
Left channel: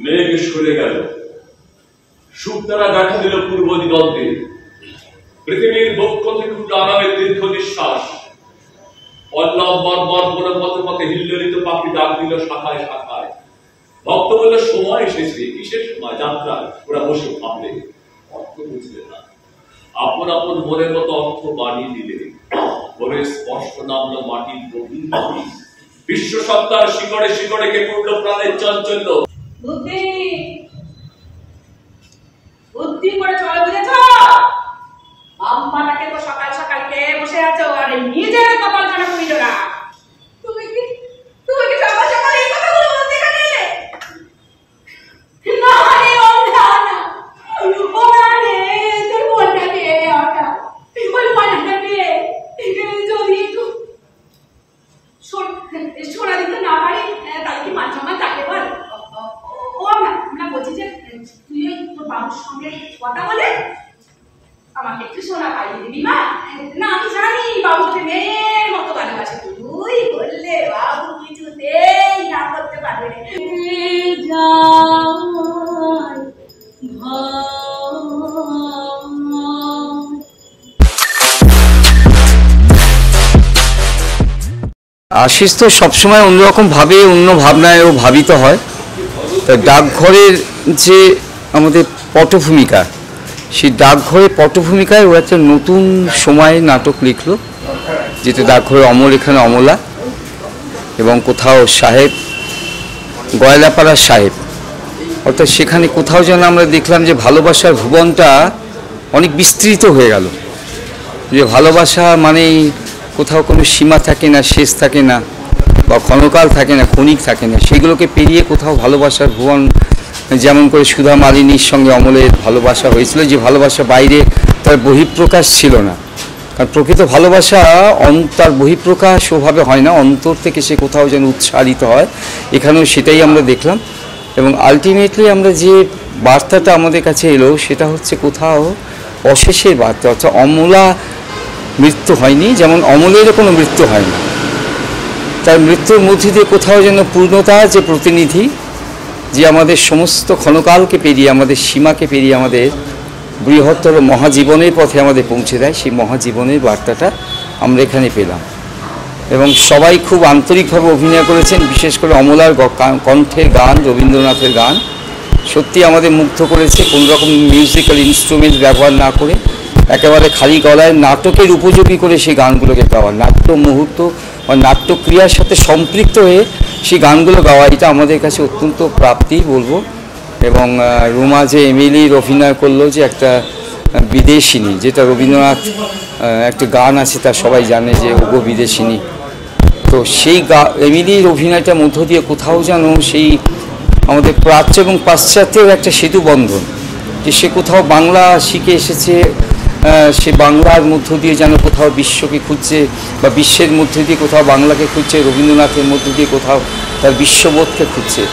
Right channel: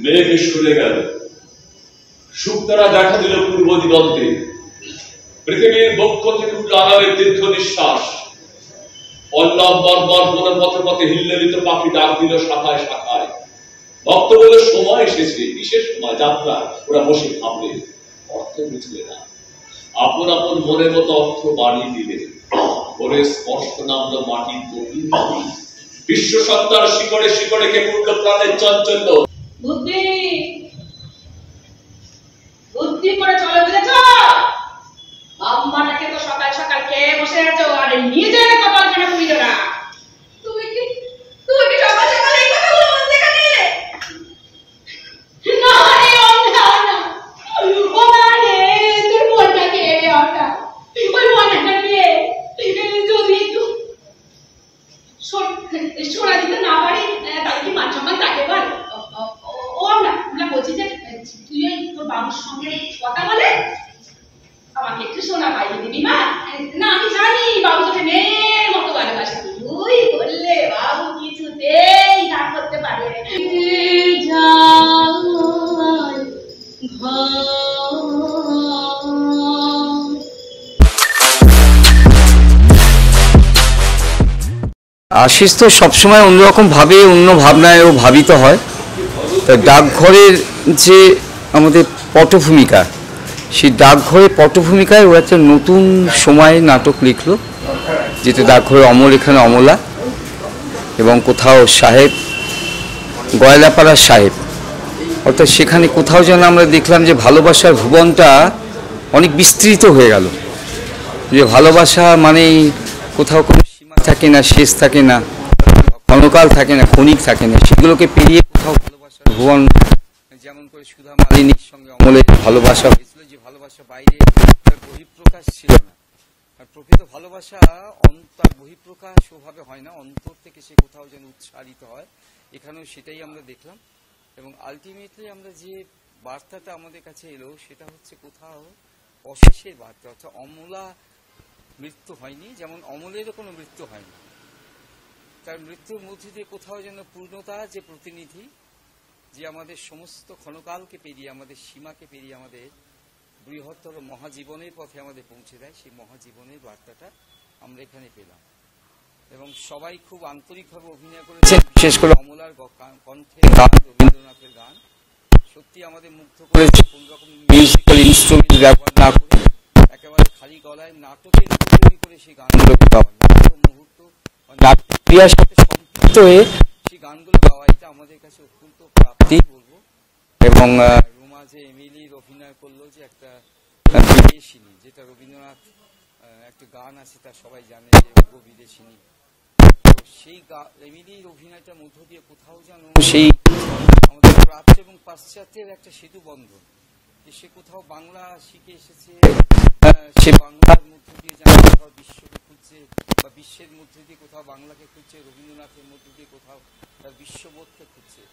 মেঘ সরে গেল, শুকতারা দেখা দিল পূর্ব দিগন্তে, পৃথিবীর বক্ষ থেকে উঠল আরামের দীর্ঘ নিঃশ্বাস। পল্লব বর্বর বন পথে পথে হিল্লোলিত পাখি ডাক দিল শাখায় শাখায়। ভক্ত বলল সময় এসেছে, বিশেষ সময় যাত্রা। ওরা বসে ভাবলে, অর্থ বুঝলে না, আপন আপন মনের মতো অর্থ বাড়িয়ে দিলে। ওরে স্পর্শ নামলো মাটির গভীর নদী, বিশ্ব সত্তার শিকড়ে শিকড়ে কে পড়ল প্রাণের চাঞ্চল্য। বুদ্ধি বুদ্ধি করে চলে, বুঝেছ? আম্মাটাকে তো সকাল সকাল কে বসে আছো, আর নিজের কপাল খানে পুরি জোড়া। তুমি কি সকাল সকাল এই কথাগুলো বলতে গেলে? না রে অন্ধা না, ও মানে তোর মনটাকে অটা, ওই মনটাকে যদি একটু সোনা দিতে না পারি তাহলে কি মান সম্মান থাকে বল? ও না, আমরা বলছি যে তুই ওই তোর বাবুর সঙ্গে কথা বলে আমাকে একটু সোনা পাইয়ে দিবি মা। না আমি জানি বাবু তোকে মেয়ের মতো ভালোবাসে, তুই বললে বাবু কিছুতেই না করতে পারবে রে। আশিস তো সবসময় অন্যরকম ভাবে, অন্য ভাবনায় ও ভাবিত হয়। ডাকঘরের যে আমাদের পটভূমিকা, সেই ডাকঘরের পটভূমিকায় ও একটা নতুন সময় নাটক লিখলো, যেটা ডাকঘরের অমল, এখানে অমলা, এবং কোথাও সাহেব, গয়লাপাড়ার সাহেব। অর্থাৎ সেখানে কোথাও যেন আমরা দেখলাম যে ভালোবাসার ভুবনটা অনেক বিস্তৃত হয়ে গেল, যে ভালোবাসা মানেই কোথাও কোনো সীমা থাকে না, শেষ থাকে না, বা ক্ষণকাল থাকে না, ক্ষণিক থাকে না। সেগুলোকে পেরিয়ে কোথাও ভালোবাসার ভুবন, যেমন করে সুধা মালিনীর সঙ্গে অমলের ভালোবাসা হয়েছিল, যে ভালোবাসা বাইরে তার বহিঃপ্রকাশ ছিল না। কারণ প্রকৃত ভালোবাসা তার বহিঃপ্রকাশ ওভাবে হয় না, অন্তর থেকে সে কোথাও যেন উচ্চারিত হয়। এখানেও সেটাই আমরা দেখলাম। এবং আলটিমেটলি আমরা যে বার্তাটা আমাদের কাছে এলো সেটা হচ্ছে কোথাও অশেষের বার্তা। অর্থাৎ অমলা মৃত্যু হয়নি, যেমন অমলেরও কোনো মৃত্যু হয় না। তার মৃত্যুর মধ্যে দিয়ে কোথাও যেন পূর্ণতা যে প্রতিনিধি, যে আমাদের সমস্ত ক্ষণকালকে পেরিয়ে, আমাদের সীমাকে পেরিয়ে আমাদের বৃহত্তর মহাজীবনের পথে আমাদের পৌঁছে দেয়, সেই মহাজীবনের বার্তাটা আমরা এখানে পেলাম। এবং সবাই খুব আন্তরিকভাবে অভিনয় করেছেন, বিশেষ করে অমলার কণ্ঠের গান, রবীন্দ্রনাথের গান সত্যি আমাদের মুগ্ধ করেছে। কোনো রকম মিউজিক্যাল ইনস্ট্রুমেন্ট ব্যবহার না করে একেবারে খালি গলায় নাটকের উপযোগী করে সেই গানগুলোকে গাওয়া, নাট্য মুহূর্ত বা নাট্যক্রিয়ার সাথে সম্পৃক্ত হয়ে সেই গানগুলো গাওয়া, এটা আমাদের কাছে অত্যন্ত প্রাপ্তি বলবো। এবং রুমা যে এমিলির অভিনয় করলো, যে একটা বিদেশিনী, যেটা রবীন্দ্রনাথ একটা গান আছে, তা সবাই জানে যে ওগো বিদেশিনী। তো সেই এমিলির অভিনয়টার মধ্য দিয়ে কোথাও যেন সেই আমাদের প্রাচ্য এবং পাশ্চাত্যের একটা সেতু বন্ধন, যে সে কোথাও বাংলা শিখে এসেছে, সে বাংলার মধ্য দিয়ে যেন কোথাও বিশ্বকে খুঁজছে বা বিশ্বের মধ্যে দিয়ে কোথাও বাংলাকে খুঁজছে, রবীন্দ্রনাথের মধ্য দিয়ে কোথাও তার বিশ্ববোধকে খুঁজছে।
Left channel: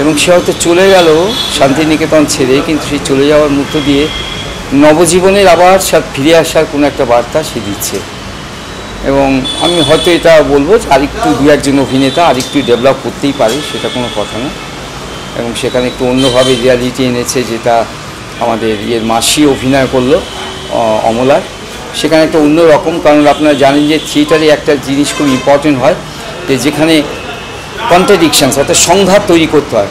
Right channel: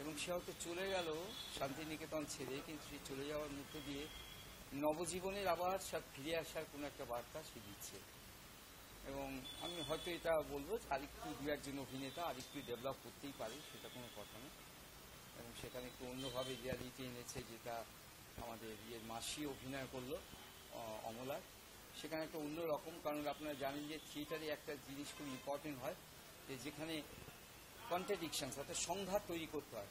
এবং সে হয়তো চলে গেল শান্তিনিকেতন ছেড়ে, কিন্তু সেই চলে যাওয়ার মধ্য দিয়ে নবজীবনের আবার ফিরে আসার কোনো একটা বার্তা সে দিচ্ছে। এবং আমি হয়তো এটা বলবো যে আরেকটু দু একজন অভিনেতা আরেকটু ডেভেলপ করতেই পারে, সেটা কোনো কথা না। এবং সেখানে একটু অন্যভাবে রিয়ালিটি এনেছে, যেটা আমাদের মাসি অভিনয় করলো অমলার, সেখানে একটা অন্য রকম। কারণ আপনারা জানেন যে থিয়েটারে একটা জিনিস খুব ইম্পর্টেন্ট হয়, যে যেখানে কন্ট্রাডিকশানস অর্থাৎ সংঘাত তৈরি করতে হয়,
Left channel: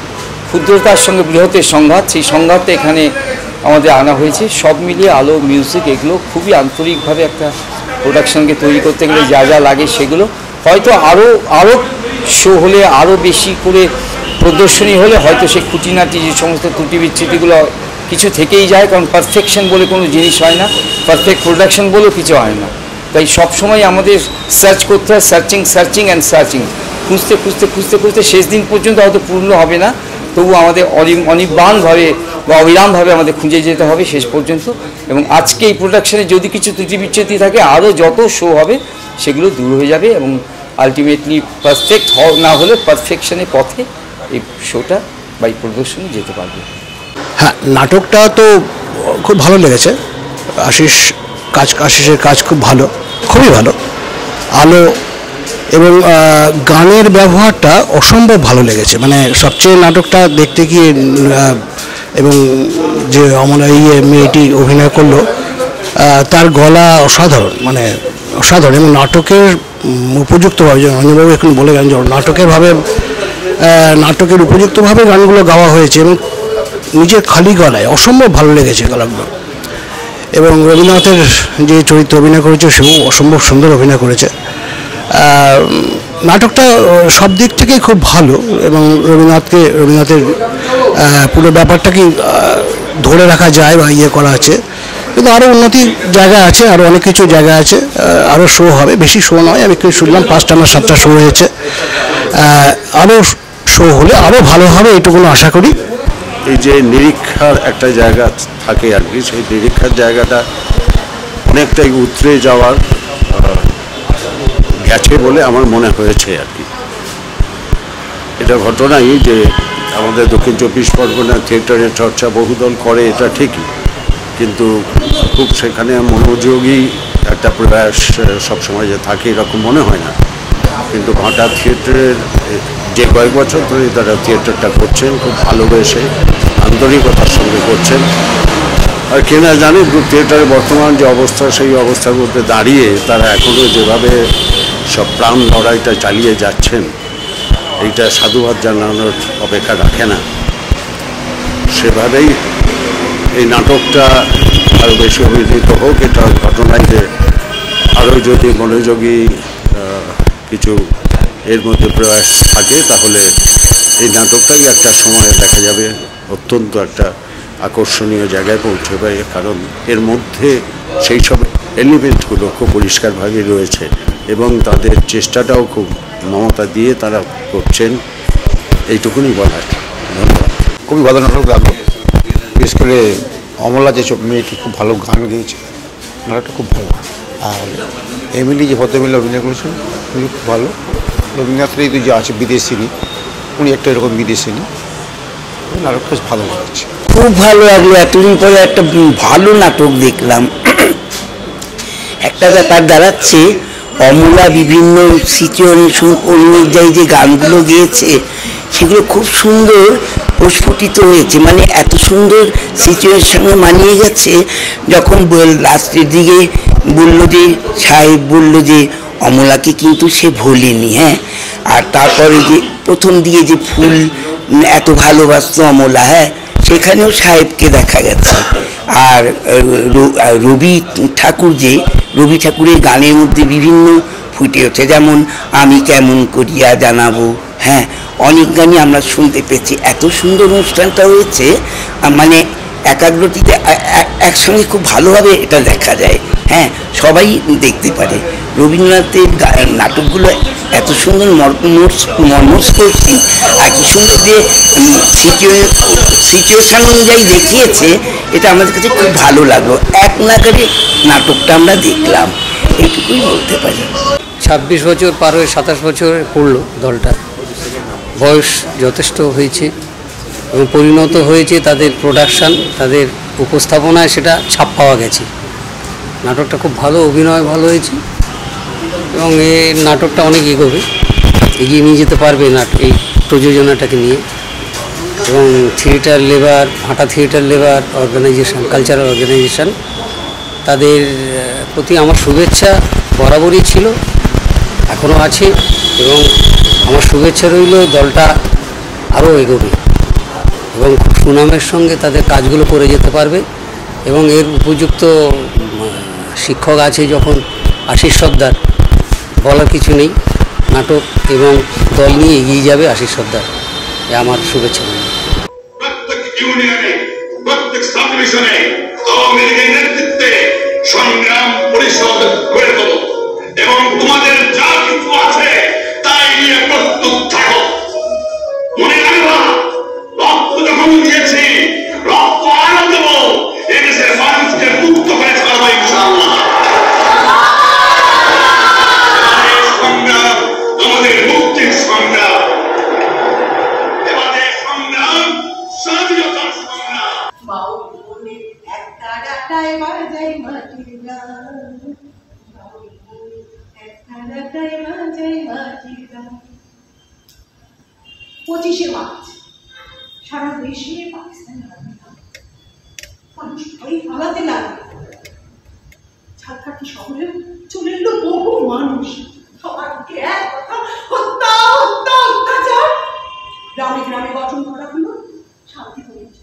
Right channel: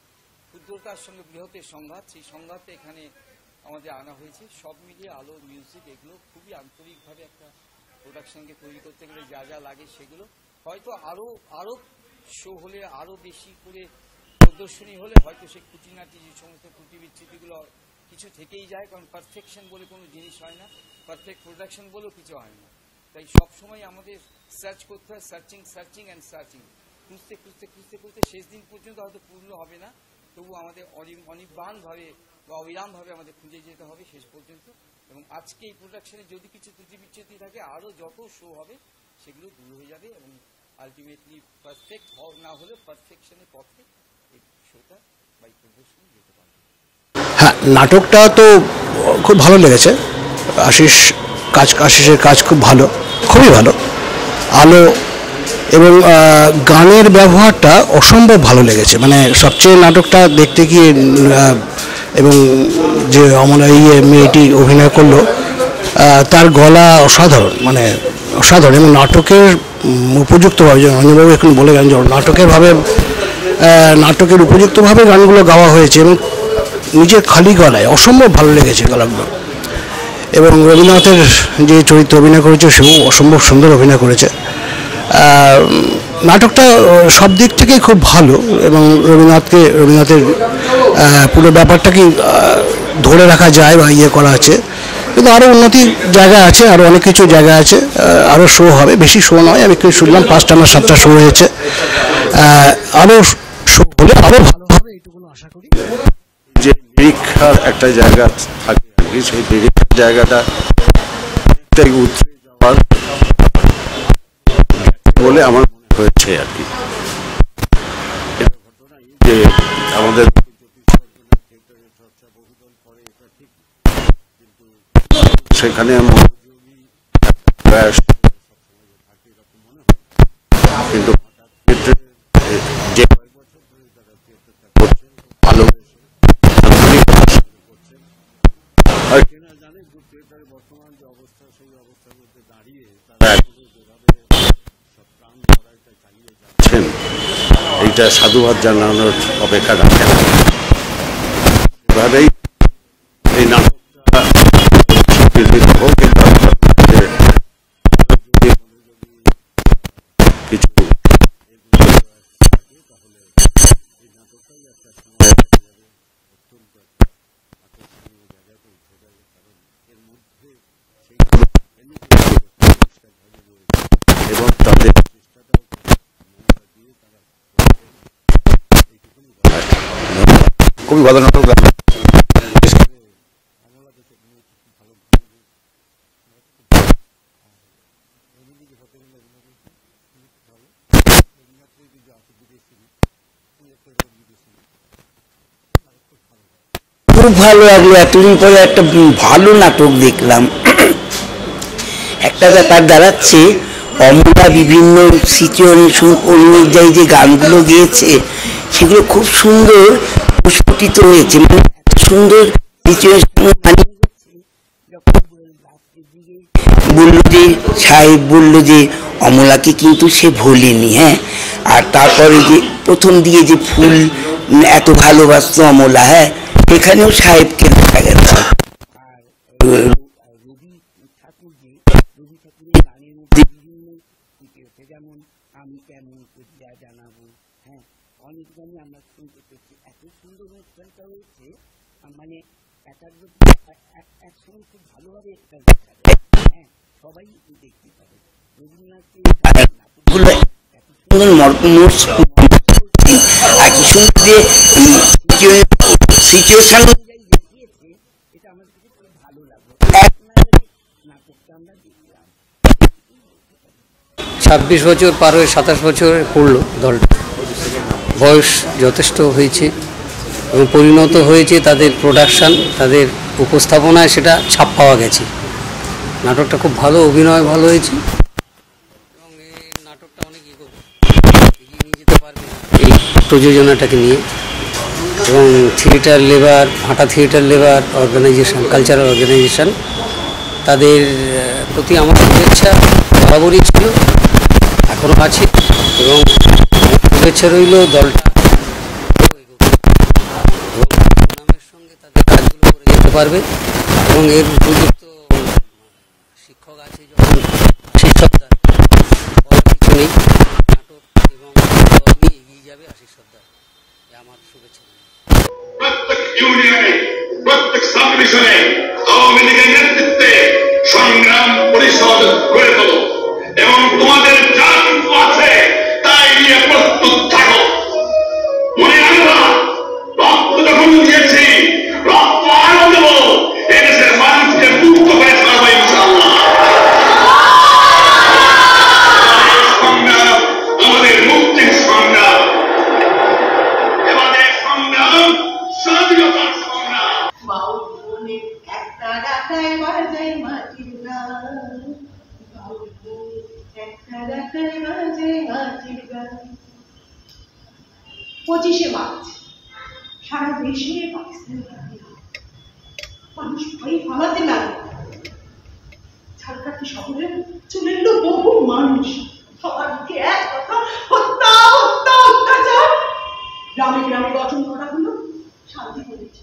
ক্ষুদ্রতার সঙ্গে বৃহতের সংঘাত, সেই সংঘাতটা এখানে আমাদের আনা হয়েছে। সব মিলিয়ে আলো, মিউজিক, এগুলো খুবই আন্তরিকভাবে একটা প্রোডাকশনকে তৈরি করতে গেলে যা যা লাগে সেগুলো হয়তো আরও শো হলে, আরও বেশি করে প্রদর্শনী হলে হয়তো সেই খুঁটিনাটি যে সমস্ত ত্রুটি বিচ্যুতিগুলো কিছু থেকেই যায়। কারণ পারফেকশন বলে কোনো জিনিস হয় না, পারফেক্ট প্রোডাকশন বলেও কিছু হয় না। তাই সবসময় আমাদের সার্চ করতে হয়, সার্চিং অ্যান্ড সার্চিং, খুঁজতে শেষ দিন পর্যন্ত হয়তো পূর্ণ হবে না, তবু আমাদের অনির্বাণভাবে বা অবিরামভাবে আমাদের খুঁজে যেতে হবে শেষ পর্যন্ত। এবং আজকে এই প্রোডাকশানে যদি কিছু ত্রুটি বিচ্যুতি থাকে, আরও যত শো হবে সেগুলো দূর হয়ে যাবে এবং আলটিমেটলি পারফেক্ট না হলে পারফেকশনের পথে এই শোটা বা এই প্রদর্শনী যেতে পারবে। হ্যাঁ, নাটকটা তো খুব ভালো লেগেছে। আশিসের কাজ খুব ভালো, খুবই ভালো। আলো এবং গানের ব্যবহারটা অসম্ভব ভালো লেগেছে। মানে সবচেয়ে নাটকটা দেখতে গিয়ে এবং যে অমলা মেয়েটি অভিনয় করলো, তার গলা অসাধারণ, মানে অসাধারণ। এবং নাটকের উপযুক্তভাবে, যে অঞ্জনবাবু এখন বলে গেলেন, যে নাটকের উপযুক্তভাবে গানগুলো গাওয়া হয়েছে এবং নিজের খালি গলায় অসম্ভব ভালো লেগেছে গলাগুলো। এবং রবীন্দ্রনাথের যে চরিত্র অভিনয় করেছে, সেও অসম্ভব সুন্দর অভিনয় করেছে। নাটকটা সব দিক থেকেই খুব ভালো এবং রবীন্দ্রনাথের পুরো ব্যাপারটাকেই ধরে রাখা যায় বা করা আছে। কিন্তু আরও উন্নতির জায়গা আছে, আরও অনেক কিছু জায়গা আছে, আরও শো হবে। বেশি শো নয়, আমি শুনলাম 5টা না 7টা শো হয়েছে। আরও শো হলে আরও ভালো হবে, এইটুকু আশা করি। এই যে নিরীক্ষার একটা জায়গা থাকে আর কি, সেই নিরীক্ষার জায়গাটা অনেকটাই উতরে যাওয়ার গেছে বলে আমার মনে হয়েছে আর কি। এটা ঘটনাই যে আমাদের দক্ষিণ 24 পরগনা থিয়েটারের চর্চা বহুদল করে, এটা ঠিকই, কিন্তু খুব সেখানে মনোযোগী একটা প্রয়াস সবসময় যে থাকে এরকম মনে হয় না। কিন্তু ভাটা থিয়েটারের যে কয়েক বছর ধরে তারা থিয়েটারটা করছেন, খুব ভালোবেসে আন্তরিকতার সঙ্গে করছেন। আর কেনা জানে থিয়েটারের বর্তমান যে অবস্থা, সেই অবস্থার মধ্যে দাঁড়িয়ে তারা এখনও যেভাবে সব প্রাণ লড়াইটা চালিয়ে যাচ্ছেন, এইটা সাধুবাদ জানানোর অপেক্ষা রাখে না। সেভাবেই এই নাটকটা আরও বেশি অভিনীত হোক, এটা ঘটনায় যে আরও যদি মনোযোগী কিছু এর মধ্যে প্রয়াস থাকে, তাহলে এই নাটকটাই একটা সময়ে দেখা যাবে অত্যন্ত একটা আকর্ষণীয় জায়গায় পৌঁছবে। কারণ এর মধ্যে সেই সব এলিমেন্টগুলো খুব পরিষ্কারভাবে রয়েছে এবং তাদের চেষ্টাটাও খুব মমতা দিয়ে তারা করছেন, এইটুকুনি বলার। ধন্যবাদ। খুবই ভালো নাটক লাগলো, বিশেষ করে অমলা যে মেয়েটি খুব ভালো গান গেয়েছে, নাটকটা খুব ভালো। আর এমিলি যে ভদ্রমিলে অভিনয় করেছেন উনি খুব ভালো। রবীন্দ্রনাথের এই যে আছে বিদেশিনী, উনি একটা এরকম বিদেশিনী, নাটকটা ভালো লাগছে। খুব ভালো লাগলো, এতদিন পরে একটা ভালো নাটক দেখলাম। একটা ব্যাপার দাঁড়াচ্ছে, অমলা বিভিন্ন সিচুয়েশন অনুযায়ী যে গানগুলো গেয়েছে সেগুলো খুব সুন্দর প্রস্ফুটিত হয়েছে। মানে এত সুন্দর সিচুয়েশনে মানিয়ে গেছে। যখন লাস্টের দিকে বললো যে সাহেব বললো যে অমলাকে কিন্তু সে ভোলেনি, হ্যাঁ, আর তারপরে যে প্রথম দিকে যে ফুল এত ভালোবাসতো অমলা, হ্যাঁ, সেখানেও সাহেবকে দেখা গেছে। আর রবি ঠাকুরের গানের মধ্যে বিভিন্ন ফুটে ওঠে, যেমন আমি কেমন করিয়া জানাবো, হ্যাঁ, অনেক গানই আমরা শুনতে পেয়েছি। এত সুন্দর অনুষ্ঠানটা হয়েছে, মানে একাগ্রটিতে একসঙ্গে খুব ভালোভাবে এটা দেখা যায়। হ্যাঁ, সবাই দেখতে পারে। রবীন্দ্রনাথের নাটকগুলো এত সুন্দর মর্মস্পর্শী আর কি সুন্দর যে সিচুয়েশন অনুযায়ী দেখিয়েছে, এটা আমাদের কাছে খুব ভালো লাগলো। এক নাগারে নাটকটা আমরা দেখলাম, এইটুকুই বলতে পারি। 26 বছর পার হয়ে 27 বছরে পড়লো দলটা, বয়স যথেষ্ট হয়েছে এবং পরিণত হয়েছে তাদের প্রোডাকশান, তাদের উপস্থাপনায় সেটা ছাপ পাওয়া গেছে। নাটকটা খুব ভালো, অভিনয় ভালো হয়েছে এবং এই নাটকটা অনেক এগিয়ে নিয়ে যেতে পারবে এই প্রযোজনাটাকে নিয়ে। এবং থিয়েটার লেবার, ভাটা theatre labour organisation, cultural organisation, তাদের প্রতি আমার শুভেচ্ছা বরাবরই ছিল, এখনও আছে এবং আমার শুভেচ্ছা রইল দলটা আরও এগোবে এবং সুনামের সঙ্গে তাদের কাজগুলো করে যেতে পারবে। এবং এর উপযুক্ত শিক্ষক আছে যখন আশিস সর্দার, বলার কিছু নেই, নাটক এবং দল নিয়ে এগিয়ে যাবে আশিস সর্দার, এ আমার শুভেচ্ছা। প্রত্যেক ইউনিয়নে, প্রত্যেক সাবডিভিশনে আওয়ামী লীগের নেতৃত্বে সংগ্রাম পরিষদ গড়ে তোলো এবং তোমাদের যা কিছু আছে তাই নিয়ে প্রস্তুত থাকো। মনে রাখবা, রক্ত যখন দিয়েছি, রক্ত আরো দেব, এদেশের মানুষকে মুক্ত করে ছাড়বো ইনশাআল্লাহ। সংগ্রাম আমাদের মুক্তির সংগ্রাম, আমাদের সংগ্রাম স্বাধীনতার সংগ্রাম। বাউল বনে একটা ডাকায় বাজাই মাটির গান, বাউল বনে একটা ডাকায় বাজাই মাটির গান। 25শে মার্চ সারা দেশে পাকিস্তানি মানুষ ভয়ে পালাতে লাগলো। ঝালকাঠি শহরে চলে এলো বহু মানুষ, সবার মুখে এক কথা, হত্যা হত্যা অত্যাচার। গ্রামে গ্রামে গঠন করা হলো শান্তি পুলিশ।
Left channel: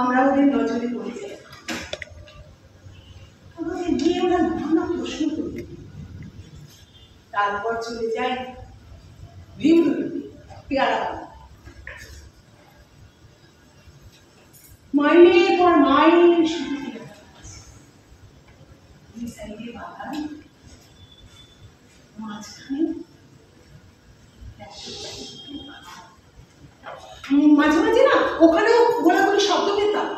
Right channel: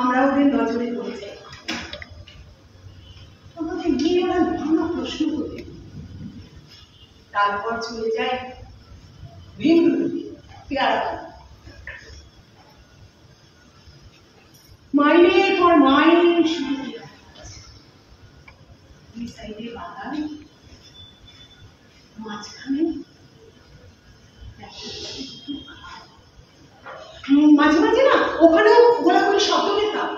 আমরা ওদের নজরে পড়ে যাই, আমাদের নিয়ে ওরা নানা প্রশ্ন করে, তারপর চলে যায় ভীমরুলি, পেয়ারা, মাইলের পর মাইল শুরু এই সাইডে বাগান, মাঝখানে মাঝে মাঝে না ওখানেও গোলাগুলি শব্দ পেতাম।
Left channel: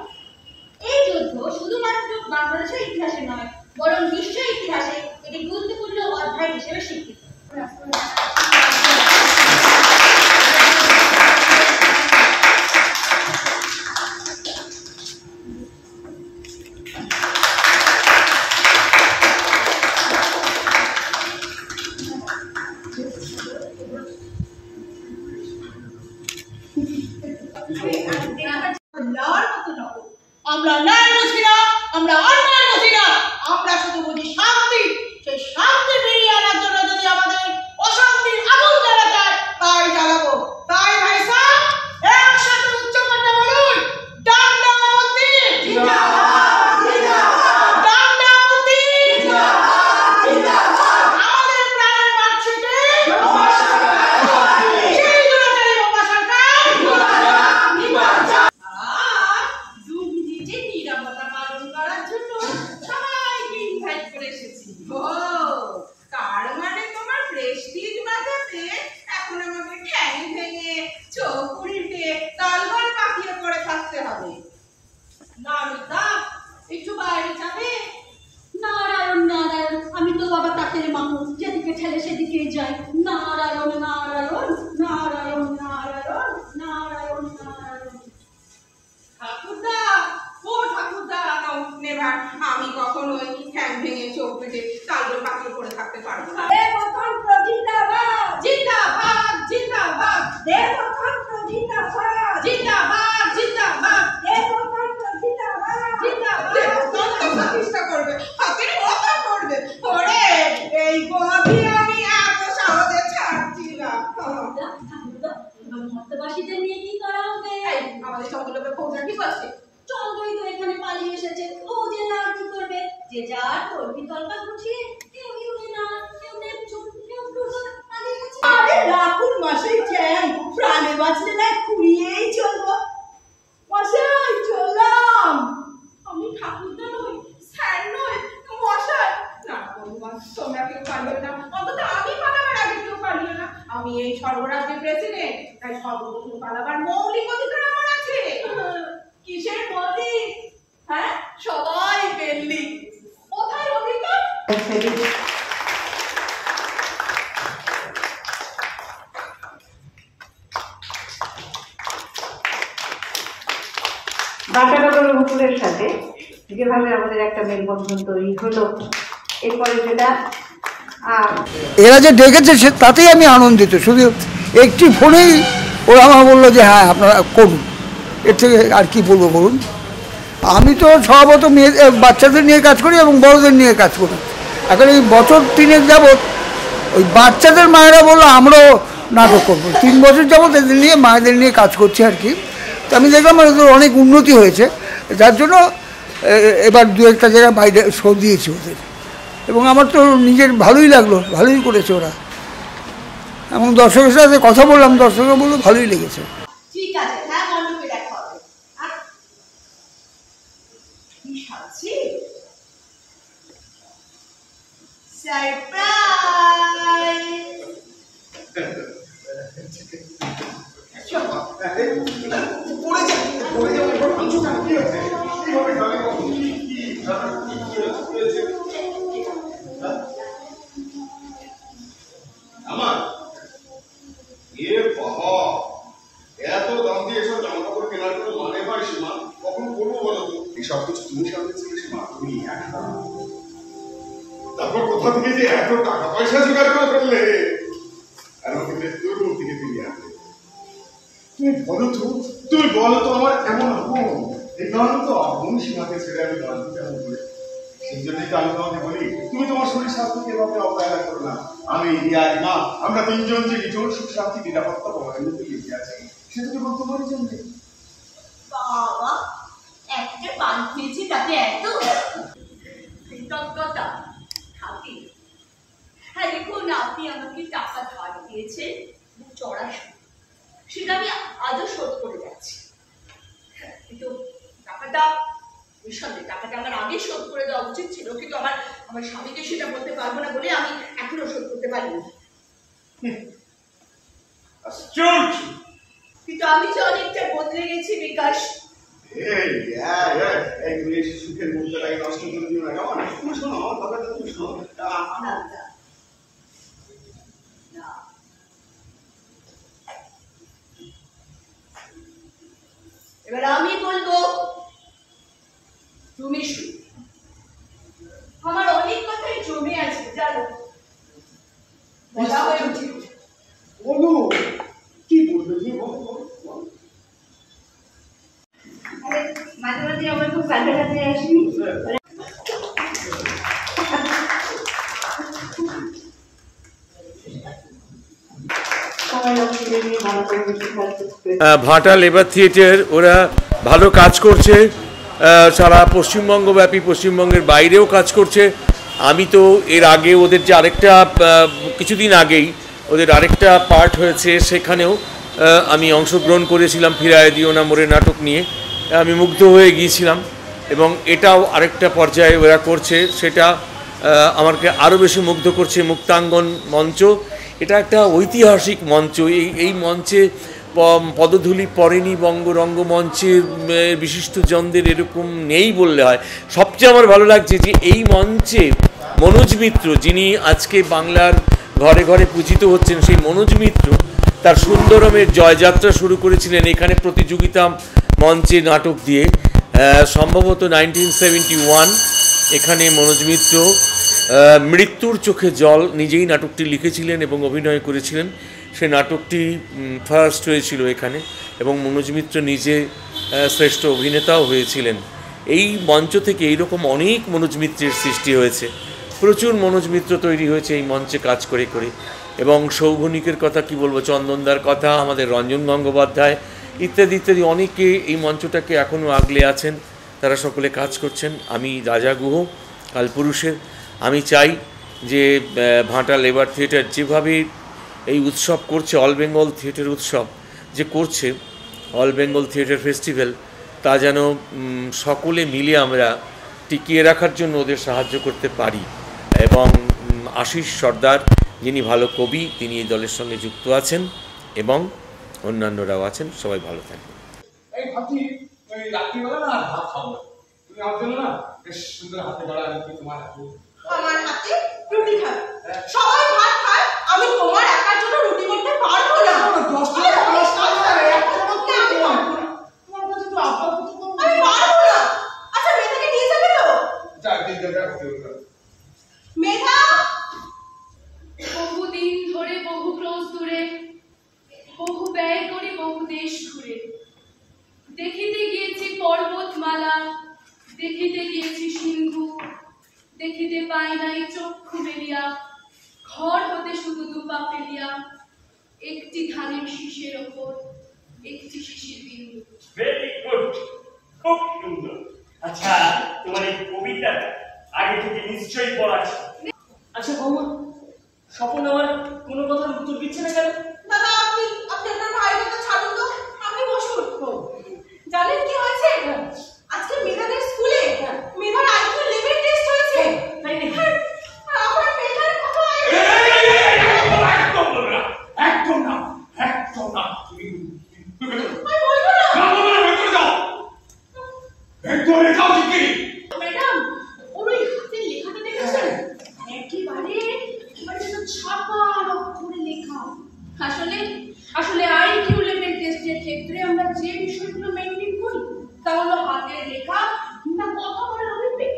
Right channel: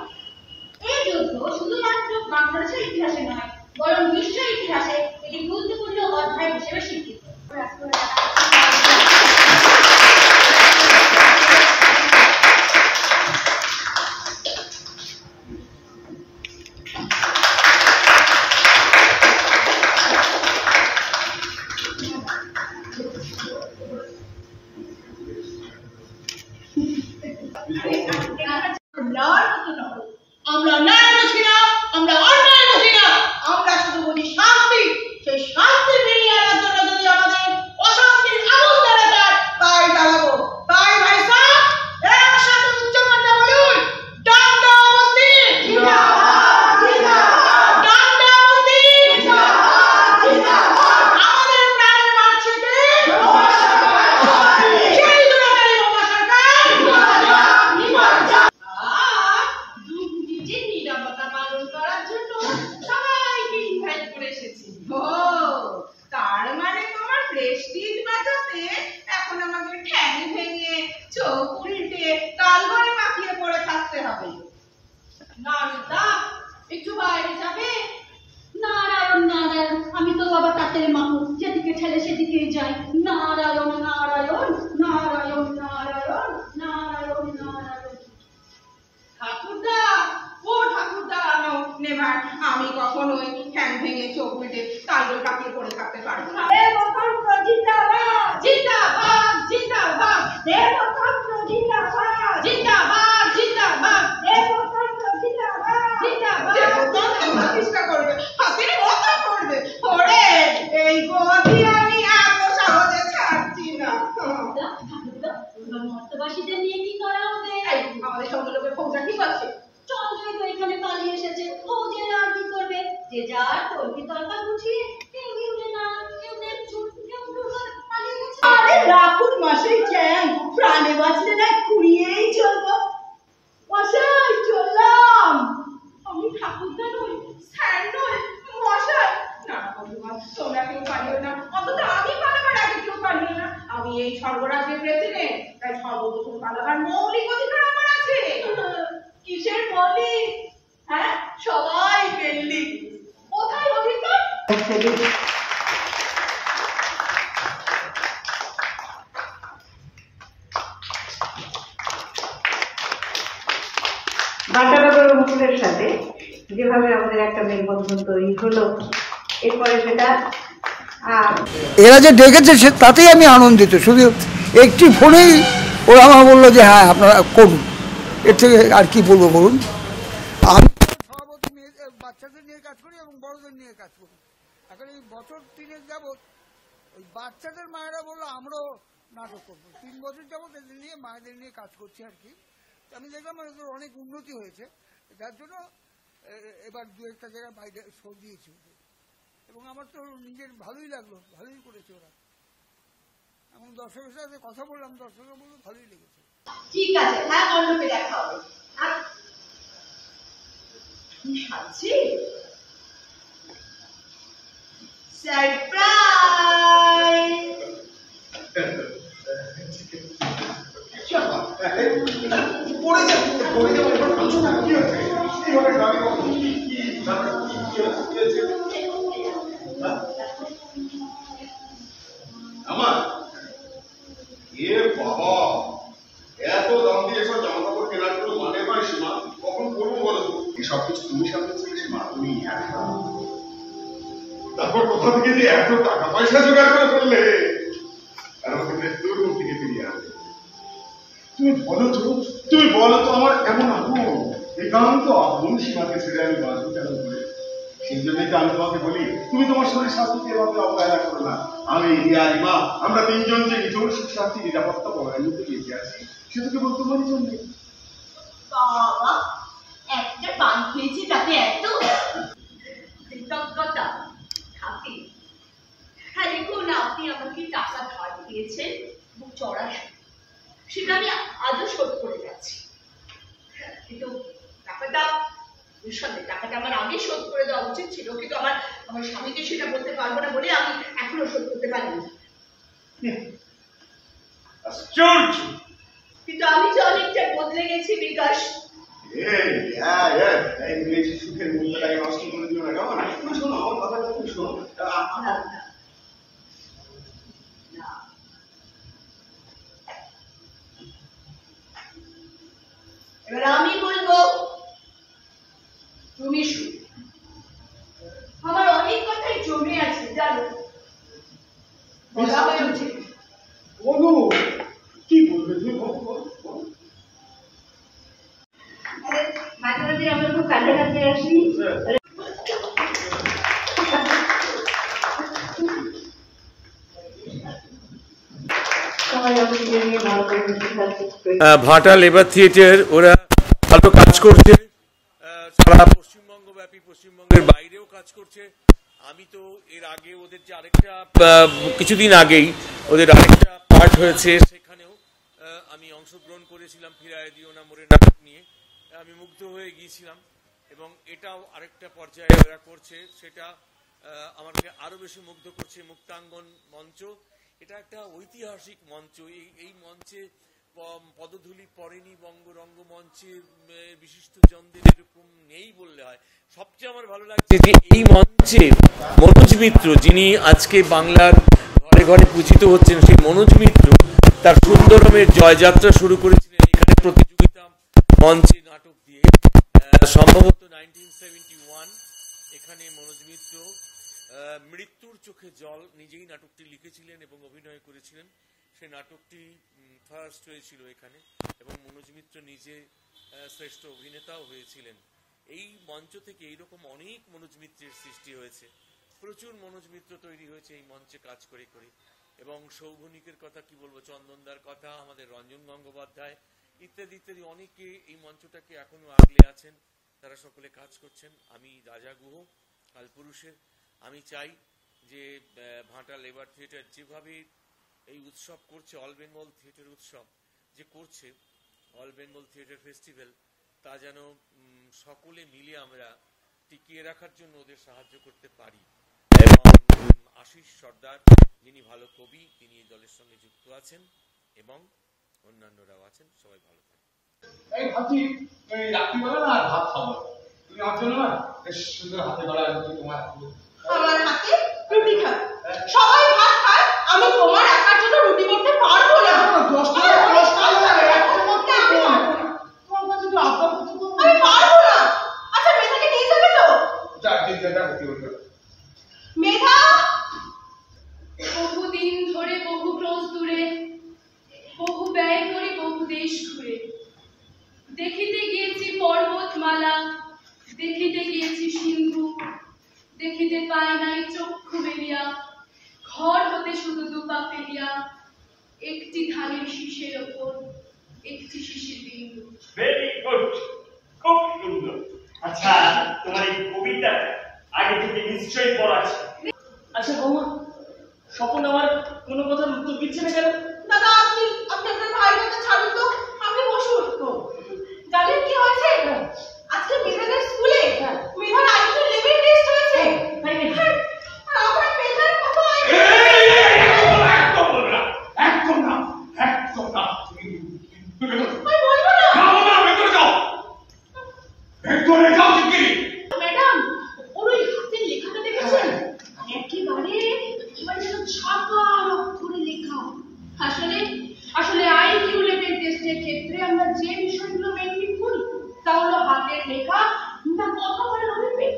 এই যুদ্ধ শুধুমাত্র বাংলাদেশের ইতিহাসে নয়, বরং বিশ্ব ইতিহাসে একটি গুরুত্বপূর্ণ অধ্যায় হিসেবে স্বীকৃত। আমরা ন্যায় বুঝি না, আমরা অন্যায় বুঝি না, আমরা শুধু বুঝি শান্তি। সেই শান্তি ফিরিয়ে আনার জন্য যদি আমাদের অশান্তির আগুন জ্বালা যায়, তাই জ্বালাবো। তাই ভাই সাহেব, একসাথে উচ্চ কথা বলুন, ডান্ডা বন্দি জিন্দাবাদ, জিন্দাবাদ, ডান্ডা বন্দি জিন্দাবাদ, জিন্দাবাদ। আমাদের প্রাণের মাতৃকে সেই দুরাচারী বোমা সরকার জিন্দাবাদ, জিন্দাবাদ। ভক্তবাসীদের নিয়ে কি করা হবে? আমাদের চন্দ্রলোকের ফৌজা কি করছে? চন্দ্রই তো এখানে পালিয়ে এসেছে, ও যে না কি করবে? যে যার তলকি তলকা গুছিয়ে কেউ ইউনে নানা, কেউ দেবচুন, কেউ ব্লুগার পালিয়ে গেছে। আরে রাখুন মশাই চ্যাং, প্রাণে বাঁচলে না খুঁড়িয়েই চলবো। মশাই চললাম। আমি ঠাকুরদা নই, স্যার নই, মশাই। না না বন্ধুগণ, তোমরা কেউ পালিও না, অন্তত আমি পালাবার আগে কেউ পালিও না। আমি এই স্বর্গরাজ্যের প্রেসিডেন্ট, তাই সর্বপ্রথম পালাবার মৌলিক অধিকার আমার আছে। কিসের মৌলিক? হ্যাঁ, সবাই বেল্লি। কোথায় অধিকার? বাটানগর মুকুলের সাথে যেভাবে আমাদের একটা মেলবন্ধন তৈরি হলো, এরপরে সেটা এরা যে ডেকেছে সে তাতেই আমি আনন্দিত। শুধু একটি ফোনেই ওরা আমার বললো যে হ্যাঁ আপনারা করুন, এর থেকে আর কি বলবো বলুন। আমি তো স্বভাবত বাচ্চাদের নিয়ে কাজ করি এবং বড়দের নিয়ে কাজ করি। এখন এই বছর 3 যাবৎ ওই বাচ্চাদের মায়েরা বললো আমরাও নাটক করবো। 3 বছর যাবৎ এদের নিয়ে মায়েদের নিয়ে কাজ করছি আর কি। তো আমি দেখলাম ওদের অনেক উন্নতি হয়েছে, যার জন্য এবার 2-1টা জায়গায় বাইরে শো দিয়েছি ওদের, এবং আমার তো নিজের ভালোই লাগলো, ভালোই করেছে ওরা। এবং দর্শকের সাথে কথা বললাম, দর্শকরা বললো ভালোই লেগেছে। ঠিক আছে, হ্যাঁ মণ্ডপে দেখা হবে। কি সাজছি? আমার বাবা, এত দাম দিয়ে এসব জামা কাপড় কেনার কোনো মানে হয় সীমা? কখন করবো বলো তো? এসব কিছু তুমি সামনেছিলে সীমা, তুমি একা। তারপর কোথা থেকে যে এত টাকা পয়সা জোগাড় করে ফেললে, কারণ তোর মুখ থেকে ফিরিয়ে আনলে। তুমি বলো তো আমার এমন আপন, একান্ত আপন সীমাকে ছেড়ে আমি বাঁচবো কেমন করে? সেই জন্যই তো আমি তোমাকে বলি, তুমি তোমার শরীর স্বাস্থ্যকে এভাবে অবহেলা করো না। আমি রিয়া, রিমা, আমরা 3 জন যে নিচল সুখ শান্তি নিরাপত্তা বলয়ের মধ্যে বেঁচে আছি, সেটা কেবল তোমারই জন্য। বাবা, একটা পান খেয়েছি তাতে এত কৃতজ্ঞতা থাকি। হ্যাঁ দেখুন, আপনি আমাকে টাকা ধার দিয়েছেন, খুব চড়া সুদ, সেটা আমি আজও শোধ করে যাচ্ছি। কিন্তু টাকাটা নিঃসন্দেহে টাকাটা আমার আগে শোধ করে দেওয়া উচিত ছিল, কিন্তু আমার স্বামীকে সেটা বলতে পারবো না বলে আমি এখনো শোধ করতে পারিনি। কিন্তু আমি যে অনেকটা বদলে গেছি বিকাশ। সুখের মুহূর্তটাকে নষ্ট করে দিও না, কেমন? তুমি শোনো আমার কথাটা, তুমি শোনো। এবার আমি বলবো, তুমি শুনো। আমার অনেক কথাই জমে আছে জানো, বলা হয়ে উচিত। বলো, কি বলবে তুমি? মাঝে মাঝে আমার খুব কাছাকাছি আসি। ভাটা লেবার থিয়েটার ওরা ভালো কাজ করছে, সারা পশ্চিমবঙ্গব্যাপী, পশ্চিমবঙ্গের বাইরেও কাজ করছে। আমি তো এর আগে ওদের যে আরেকটা কিছুদিন আগেই ওদের আরেকটা পার্ট হয়েছে, সেখানেও আমি অংশগ্রহণ করেছিলাম, ফিরায় দিও না মোরে নাটক নিয়ে। আমি মুগ্ধ হয়ে গিয়েছিলাম, এবং এটাও আরেকটা পর্যায়ে ওরা করছে, সেটা আমাকে আরও বেশি মুগ্ধ করছে। মুক্তাঙ্গন মঞ্চ, এটা একটা ঐতিহাসিক মঞ্চ। এই মঞ্চে পদধূলি পড়েনি রঙ্গমঞ্চের বিশিষ্টজনদের এরকম নেই বললে হয়। সবচেয়ে আমার ভালো লাগছে যে এই মঞ্চে মনোজ মিত্র, যিনি আজকে বাংলার ঘরে ঘরে পূজিত হচ্ছেন, সেই মনোজ মিত্র তার সুন্দরমের জয়যাত্রা শুরু করেছিলেন এখানে প্রতিযোগিতা মঞ্চে নাটক দিয়ে। সম্ভবত 1971 এখানে মনোজ মিত্র মৃত্যুর চোখে জল নিজেই নাটকটি লিখেছিলেন এবং অভিনয় করেছিলেন। সে নাটকটি ফার্স্ট হয়েছিল এখানে, এবং মনোজ মিত্র নিজে শ্রেষ্ঠ অভিনেতাও হয়েছিলেন। এই মঞ্চ থেকে এইরকম অনেক মনোজ মিত্রের সৃষ্টি হয়েছে, প্রচুর মনোজ মিত্র তৈরি হয়েছে এই মঞ্চে কাজ করে করে। এবং সৌগনিকের কথা কি বলবো, চন্দনদার কথা, আমাদের রঞ্জন গঙ্গোপাধ্যায় ইত্যাদি ইত্যাদি অনেকে এই মঞ্চটাকে এখনও আগলে আছেন, তারা সকলে কাজ করছেন। আমি রাজা গুহ কালপুরুষের, আমি চাই যে ভাটা লেবার থিয়েটার যেভাবে এই উৎসব করছে, অল বেঙ্গল থিয়েটার উৎসব যে করছে, অল বেঙ্গল থিয়েটার ফেস্টিভ্যাল, তা যেন সকলে মিলে আমরা টিকিয়ে রাখার জন্য ওদের সাহায্য করতে পারি। এবং আশিস সর্দার যিনি ভালো কবি, তিনি এই দলের সঙ্গে যুক্ত আছেন এবং অন্যান্যরাও আছেন। সবাই ভালো থাকবেন। এই ভাবছি রাত্রিবেলা না ভাত খাবো, তুমি আমার জন্য না বেশ সুন্দর হাতে গড়া রুটি তোমার হাতে। আমার হাতে রুটি খায়, সবাই ভাত খায়, আমি তোমার একার জন্য রুটি করতে পারবো না। আমি পারবো না। আচ্ছা মেধাকে নিয়ে যাবে তো? মেধা, বহুদিন ধরে বহু ক্রোশ দূরে, বহু ব্যয় করে বহু দেশ ঘুরে, দেখিতে গিয়েছি পর্বতমালা, দেখিতে গিয়েছি সিন্ধু, দেখিতে পাই নাই চক্ষু মেলিয়া, ঘর হতে শুধু দুপা ফেলিয়া, একটি ধানের শীষের ওপর একটি শিশির বিন্দু। ভেরি গুড, খুব সুন্দর। আচ্ছা, তোমার এই কবিতা আগে থেকে নিশ্চয়ই পড়া আছে। আচ্ছা বৌমা, স্বপন আমার কোনো কথার উত্তর দিচ্ছে না কেন? দাদা আপনি আপনার ভাইয়ের কথা ছাড়ুন তো, আপনি বসুন। জানেন কি হয়েছে আজকে মেধাদের স্কুলে? মেধার আইকিউ লেভেল টেস্ট হয়েছে। তাই নাকি? আমার মেধার কত আইকিউ? একদম বলবে না, একদম না, একদম না। আমি বলবো না। ভেতরে যাও, ভেতরে যাও শিগগিরই। ম্যাডাম, ওর ওই হাতের লেখাটা দেখেছেন? একেবারে ছাপার অক্ষরে লেখা। আসলে আইকিউ লেভেল টেস্টের ক্ষেত্রে আমরা যে বিষয়গুলো মেনটেন করি তা হলো হাতের লেখা না কথা বলার অভিব্যক্তি।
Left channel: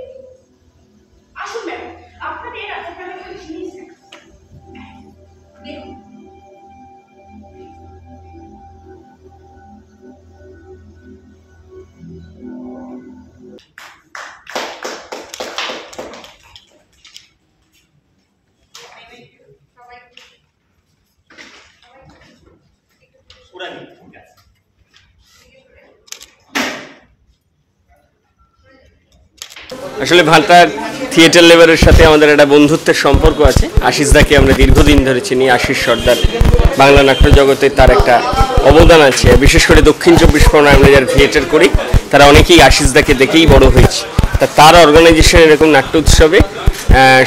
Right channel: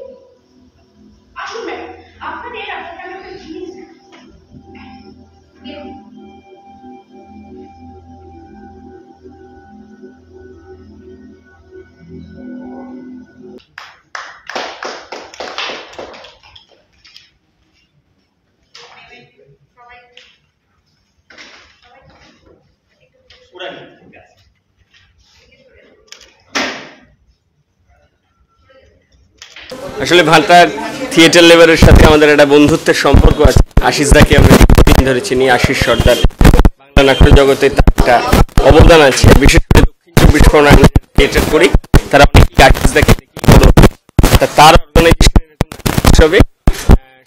আসুন ম্যাডাম, আপনাদের আপনার একটা জিনিস দেখুন। আসলে ভাটা থিয়েটার লেবারের সাথে আমাদের একটা বন্ধুত্বের সম্পর্ক আছে। আশিস দাকে আমরা দীর্ঘদিন ধরে চিনি। আশিস সর্দার বাংলা নাট্য জগতে তার একটা অবদান আছে, বিশেষ করে দক্ষিণ 24 পরগনায় আমরা যারা থিয়েটার করি তারা অনেকেই আশিস দাকে দেখেই বড় হয়েছে। তার অর্গানাইজেশন এরকম নাট্য উৎসবে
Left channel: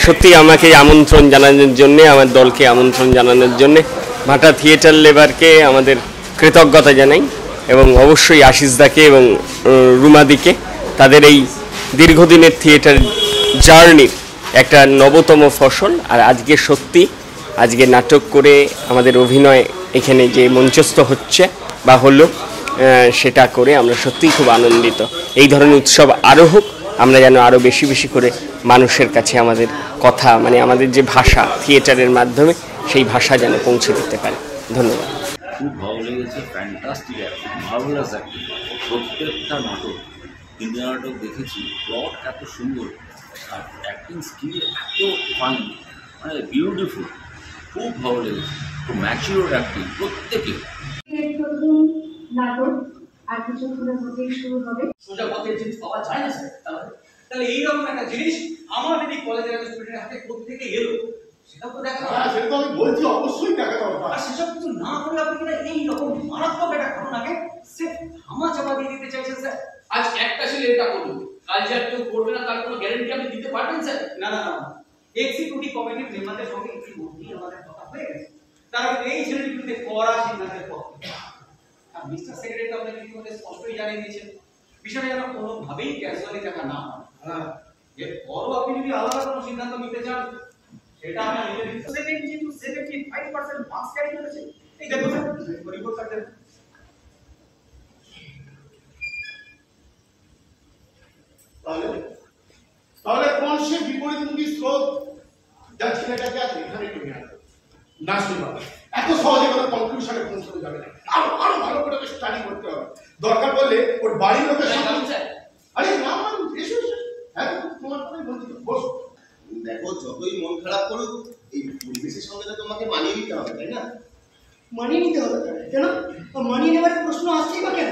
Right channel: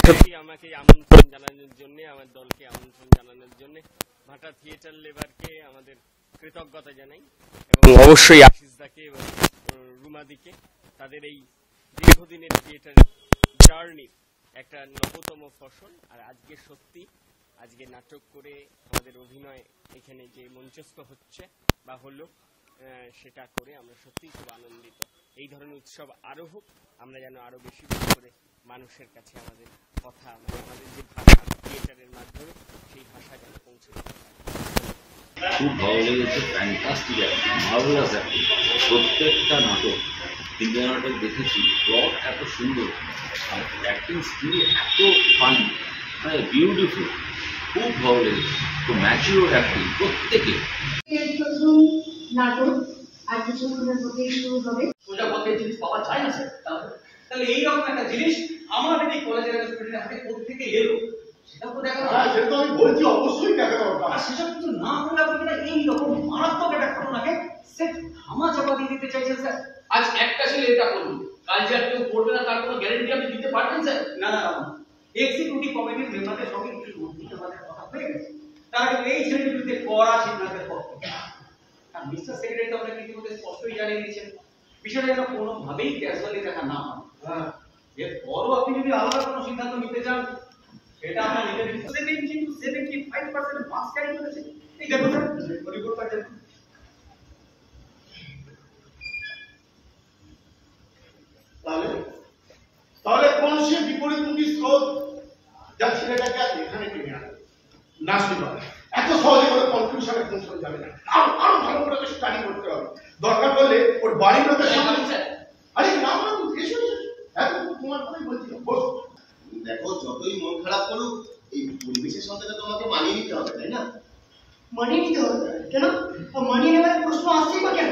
সত্যি আমাকে আমন্ত্রণ জানানোর জন্যে, আমার দলকে আমন্ত্রণ জানানোর জন্যে ভাটা থিয়েটার লেবারকে আমাদের কৃতজ্ঞতা জানাই এবং অবশ্যই আশিস দাকে এবং রুমাদিকে তাদের এই দীর্ঘদিনের থিয়েটার জার্নির একটা নবতম ফসল। আর আজকে সত্যি আজকে নাটক করে আমাদের অভিনয় এখানে যে মঞ্চস্থ হচ্ছে বা হলো, সেটা করে আমরা সত্যিই খুব আনন্দিত। এই ধরনের উৎসব আরও হোক, আমরা যেন আরও বেশি বেশি করে মানুষের কাছে আমাদের কথা, মানে আমাদের যে ভাষা থিয়েটারের মাধ্যমে, সেই ভাষা যেন পৌঁছে দিতে পারে। ধন্যবাদ। খুব ভালো লেগেছে, ফ্যান্টাস্টিক অ্যাক্টিং, মার্ভেলাস অ্যাক্টিং। প্রত্যেকটা নাটক, তিনটে নাটক দেখেছি, প্লট এত সুন্দর আর অ্যাক্টিং স্কিল এত ফান, মানে বিউটিফুল, খুব ভালো লেগেছে। খুব ম্যাচিওর অ্যাক্টিং প্রত্যেকে। প্রথম নাটক আর কিছুক্ষণের মধ্যেই শুরু হবে। সোজা পথে জিনিস পাওয়া যায় না স্যার। তাহলে এইরকম একটা জিনিস আমাদের এই কলেজের স্টুডেন্টের হাতে কোত্থেকে এলো সেটাও তো দেখা দরকার। সেটা তো আমি বলছি, অবশ্যই দেখা দরকার। আর সেসব কিছু না করলে আপনি কিনা এইরকম মারাত্মক একটা ঘটনাকে সেট ধামা চাপা দিয়ে দিতে চাইছেন স্যার। আজ একটা ছেলে এটা করুন, কাল যে আর কেউ করবে না তার কোনো গ্যারান্টি আপনি দিতে পারবেন স্যার? না না না, এক্সিকিউটিভ কমিটির মেম্বারদের সঙ্গে ইতিমধ্যেই আমাদের কথা হয়ে গেছে। তারা কিন্তু এই ছেলের বিরুদ্ধে কড়া সিদ্ধান্তের পক্ষে। আর মিস্টার সেক্রেটারি তো আপনাকে ইতিমধ্যে স্পষ্টই জানিয়ে দিয়েছেন বিষয়টা যেন কোনোভাবেই ক্যাজুয়ালি দেখা না হয়। এরপরও আপনি যদি আলাদা কোনো সিদ্ধান্ত নিতে চান সেটা আমরা নিতে দিচ্ছি। 70 to 75% মার্কস ক্যারি করেছে। এই দেখুন স্যার, রিপোর্ট কার্ড দেখুন। তাহলে কোন সে বিপরীতমুখী স্রোত যা ছেলেটাকে আজ এখানে টেনে আনবে? না শুনবা, এত সহজে কোনো কনক্লুশনে পৌঁছানো যাবে না। আরো ভালো করে স্টাডি করতে হবে। দরকার পড়লে ওর বাড়ির লোকের সাথে। আরে না এসো এসো, হ্যাঁ তোমার কথাই বলছি, বসো। দেখো, যতই মন খারাপ করুক এই পরিবেশের সঙ্গে তো তোমাকে মানিয়ে নিতে হবে, তাই না? মানিয়ে নিতে হবে কেন? মানিয়ে নেওয়ার প্রশ্ন আসছেই বা কেন?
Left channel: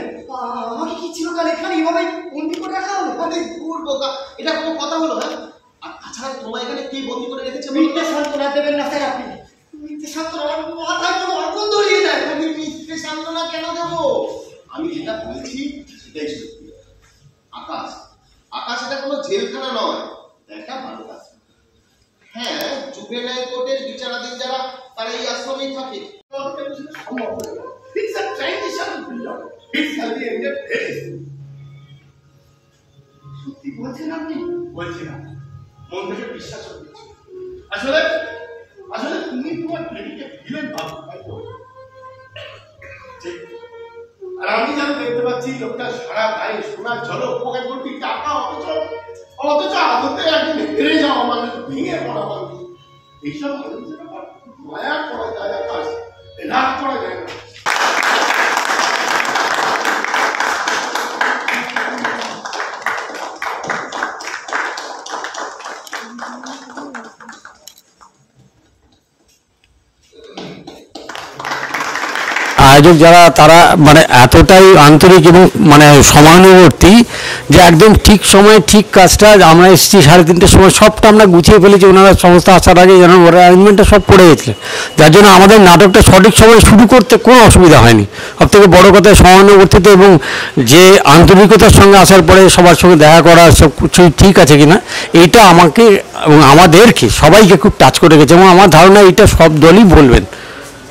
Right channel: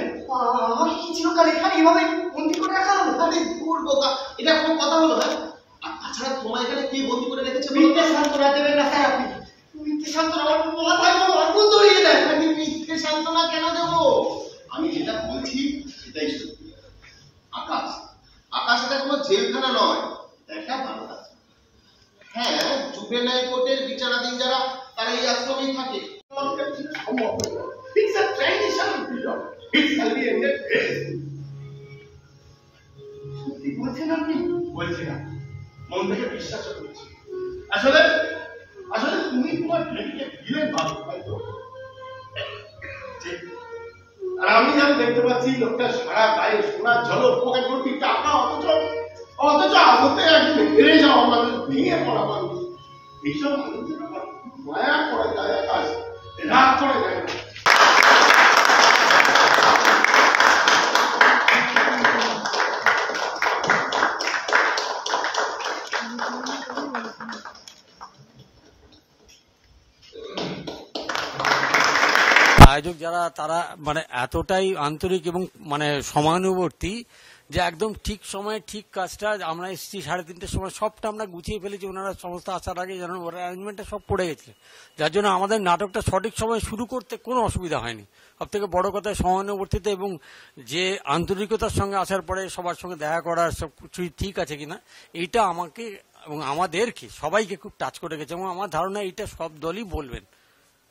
আমাকে কি চিরকাল এখানে এভাবে বন্দি করে রাখা হবে? আরে দূর বোকা, এটা কোনো কথা হলো? হ্যাঁ, আর তাছাড়া তোমার এখানে কে বন্দি করে রেখেছে? মিথ্যে সান্ত্বনা দেবেন না স্যার আপনি। মিথ্যে সান্ত্বনা মাথায় কোনো অর্থ দড়িয়ে দেন। আমি মিথ্যে সান্ত্বনা কেন দেবো? আমি যেটা বলছি সেটাই সত্যি। আকাশ, আকাশ এটা কোনো জেলখানা নয়, একটা ভালো কাজ। হ্যাঁ, জুভেনাইল কোর্টের বিচারাধীন যারা তারা এই আশ্রমেই থাকে। It's a transition period. It shall be ended very soon. সত্যি বলছেন আপনি? বলছি না, মন থেকে বিশ্বাস করছি। আসলে আসলে তুমি তোমার প্রেমিকে দিলেন ভালো, হয়তো ঠিক। আর আমি যেন দেখতে পাচ্ছি লোকটা সারা গায়ে সোনার ঝলক, পকেট ভর্তি টাকা, অথচ আদতে একদিন হেরে যাওয়া মানুষ, ভেঙে পড়া মানুষ। এইসব মানুষের ব্যাপার মায়া করে যায় আকাশ, রাগ করে যায় না। আয়োজক যারা তারা মানে এতটাই আন্তরিক এবং মানে সমানুবর্তী যে একদম ঠিক সময়ে ঠিক কাজটা, আমরা এসেছি 3:30টার সময়, সবটা আমরা গুছিয়ে ফেলেছি। ওনারা সমস্ত আসার আগে যেন ওরা অ্যারেঞ্জমেন্টটা সব করে গেছে, যার জন্য আমাদের নাটকটা সঠিক সময়ে শুরু করতে কোনো অসুবিধা হয়নি। সবথেকে বড় কথা সমানুবর্তিতা এবং যে আন্তরিকতার সঙ্গে আসার পরে সবার সঙ্গে দেখা করা, সব কিছু ঠিক আছে কিনা, এইটা আমাকে এবং আমাদেরকে সবাইকে খুব টাচ করে গেছে। এবং আমার ধারণা এটা সব দলই বলবেন।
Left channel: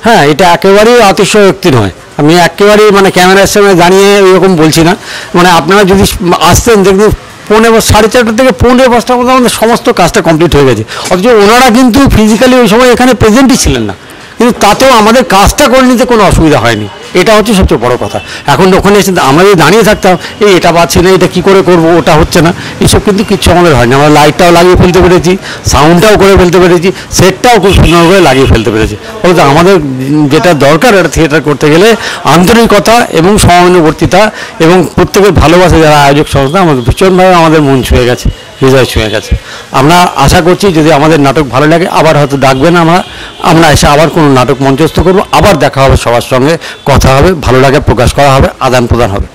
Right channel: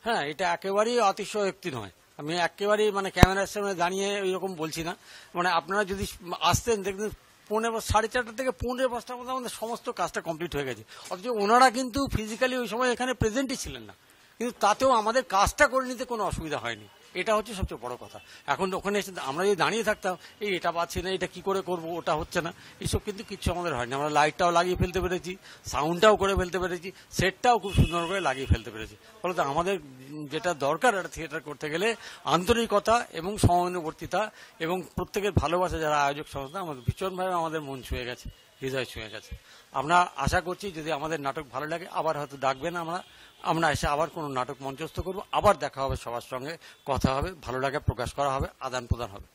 হ্যাঁ, এটা একেবারেই অতিশয়োক্তি নয়। আমি একেবারেই মানে ক্যামেরার সামনে দাঁড়িয়ে এরকম বলছি না। মানে আপনারা যদি আসতেন দেখবেন 4:30 থেকে 5:45টার মধ্যে আমাদের সমস্ত কাজটা কমপ্লিট হয়ে গেছে। অথচ ওনারা কিন্তু ফিজিক্যালি ওই সময় এখানে প্রেজেন্টই ছিলেন না, কিন্তু তাতেও আমাদের কাজটা করে নিতে কোনো অসুবিধা হয়নি। এটা হচ্ছে সবচেয়ে বড় কথা। এখন ওখানে এসে আমরা যদি দাঁড়িয়ে থাকতাম, এটা পাচ্ছি না, এটা কী করে করবো, ওটা হচ্ছে না, এসব কিন্তু কিচ্ছু আমাদের হয়নি। আমরা লাইটটাও লাগিয়ে ফেলতে পেরেছি, সাউন্ডটাও করে ফেলতে পেরেছি, সেটটাও খুব সুন্দর করে লাগিয়ে ফেলতে পেরেছি। ফলে আমাদের যেটা দরকার একটা থিয়েটার করতে গেলে আন্তরিকতা এবং সমানুবর্তিতা এবং প্রত্যেকের ভালোবাসা, যারা আয়োজক সংস্থা, আমাদের ভীষণভাবে আমাদের মন ছুঁয়ে গেছে, হৃদয় ছুঁয়ে গেছে। আমরা আশা করছি যদি আমাদের নাটক ভালো লাগে আবার হয়তো ডাকবেন, আমরা এসে আবার কোনো নাটক মঞ্চস্থ করবো, আবার দেখা হবে, সবার সঙ্গে কথা হবে, ভালো লাগে প্রকাশ করা হবে, আদান প্রদান হবে।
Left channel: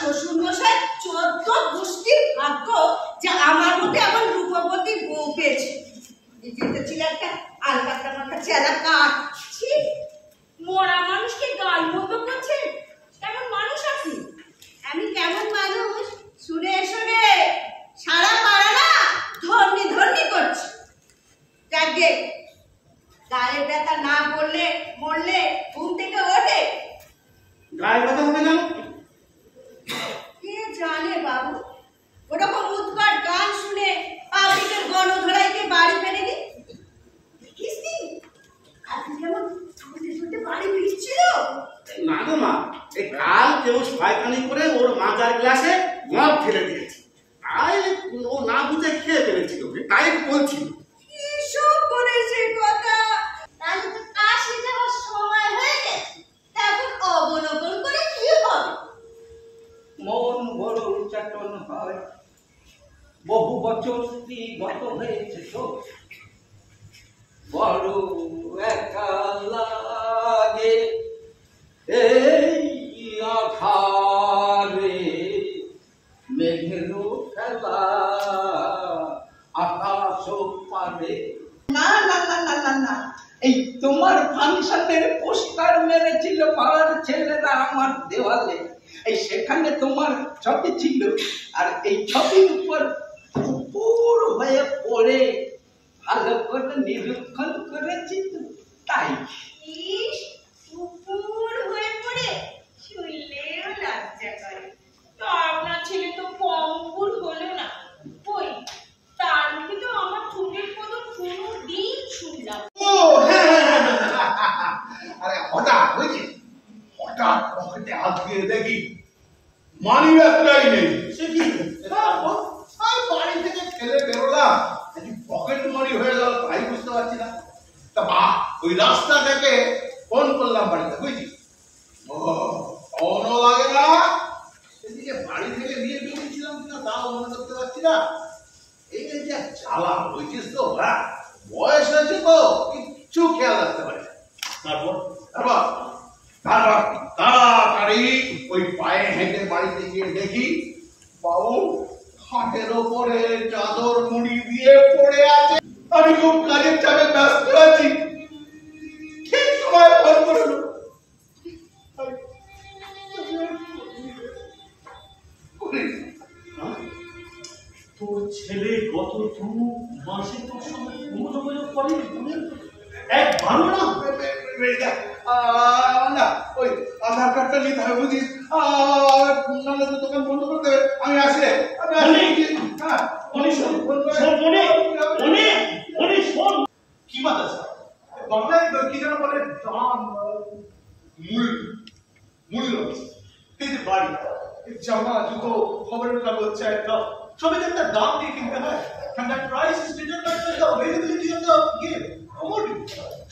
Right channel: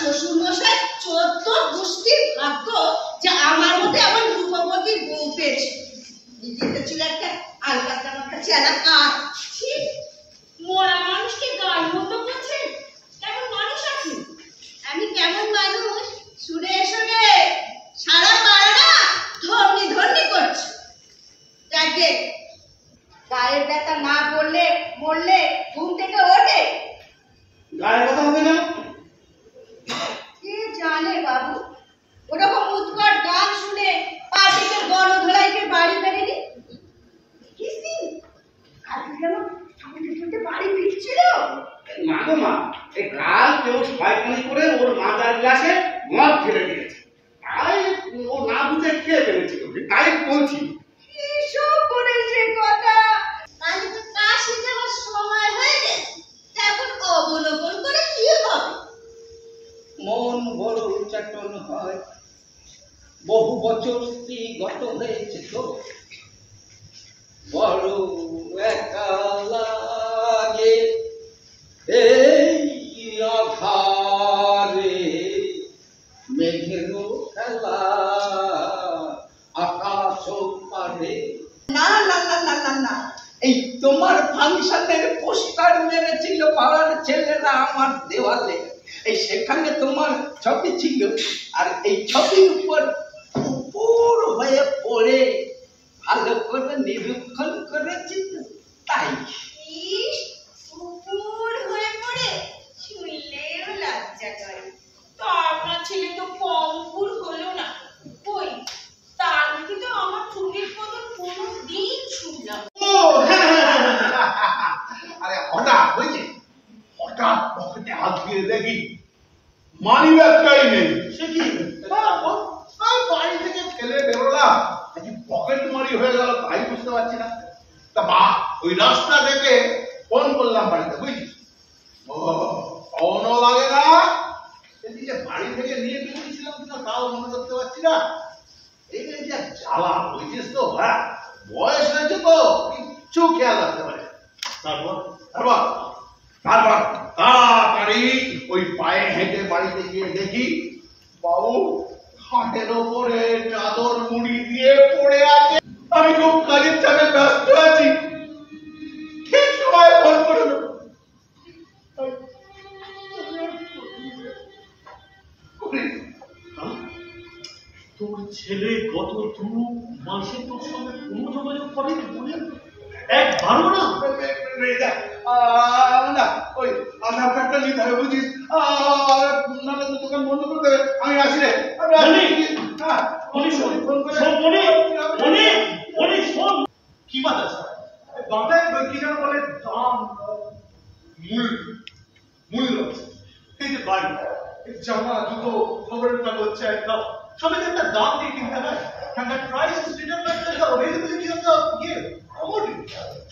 শ্বশুরমশাই 14 গোষ্ঠীর ভাগ্য যে আমার মধ্যে এমন রূপবতী বউ পেয়েছে। যেটা ছিল একটা আলকাতা মাথা চেলা কাঠ। ঠিক মরা মানুষকে গাল মতো করছে, কেমন মানুষ আপনি? আমি কেমন মানুষ শুনে এসো রে, সারা পাড়াটা ধর্নি ধর্নি করছে। যাকে গায়ের ব্যথা না করলে মরলে ঘুম থেকে ওঠে। গায়ের ব্যথা হবে না? কে জানে বাবু, ওরকম উৎকট গান শুনে পাবলিকের গণধোলাইকে বাড়ি ফেরেনি। কিস্তি কালকে যেমন ছুটে ছুটে বাড়ি ফিরছিল। না গো মা, এই কাল কেউ শয়তানি করে ওর মাজার গ্লাসে মদ ফেলে দিয়েছে, তাই ও না বুঝে খেয়ে ফেলেছিল, তাই বলছি। কিসব করেছে কথা? তাহলে তো কাশি যাওয়ার সময় হয়ে গেছে, এখন অবলোকন করে কি হবে? মন বড় চাটন হয়, বহু বছর স্ত্রী গত হয়েছে তো, বড় একা লাগে এই আধারে, মেঘেরও খেলা আকাশ পারে। না না না না না না, এই তোমার ফাংশনের পোস্টার মেরেছিল পাড়ার ছেলেরা আমার দেওয়ালে, এই সেখানে তোমার ছবি ছিল, আর এই ছবির উপর উপর হয়ে পড়ে ভালো করে নিরীক্ষণ করেছি তো, তাই। ইস, উপর হয়ে পড়ে শুনলেও লজ্জা করে। তা আপনার ছেলে তো পঙ্গুর হলো না, কই তার মুখে তো আমার ছুটির কথা কোনোদিন শুনলাম। ও হ্যাঁ, আরে হঠাৎ হয়েছে, হঠাৎ পকেটে হাত দিয়ে দেখি মানি ব্যাগটাই নেই। সে কি বাড়ি থেকে ফেলে বেরোলাম, নাকি পকেট মারি হয়ে গেল তাই বুঝতে পারছি না। তা বা ওই রাস্তা থেকে ফোন চোখ খেয়াল রাখতে পারে। তারপর তারপর তারপর তাড়াতাড়ি ওই পায়ে হেঁটে বাড়িতে গিয়ে দেখি বাবু খাটের ওপরে চাদর মুড়ি দিয়ে পড়ে আছে। আমি খুব কাজের চাপে ব্যস্ত আছি, ঠিক সময় ফোন করলো। তোর ছেলে গত 2 মাসে তোর সঙ্গে কোনো যোগাযোগ করেনি? একবারও না? না, ওই আধার কার্ডটা নিতে হবে বুঝিস, নাহলে তো দোকান বন্ধ করে দেবে। আমি আসি রে। কি বাদ আছে বাংলায় কি যেন বলে দাম মূল্য। এই যে বাড়ি, জামা, জুতো, খবরের কাগজ, চায়ের কাপ সবই একটা দাম দিয়ে কিনতে হয়। And that price is determined by the availability of the commodity.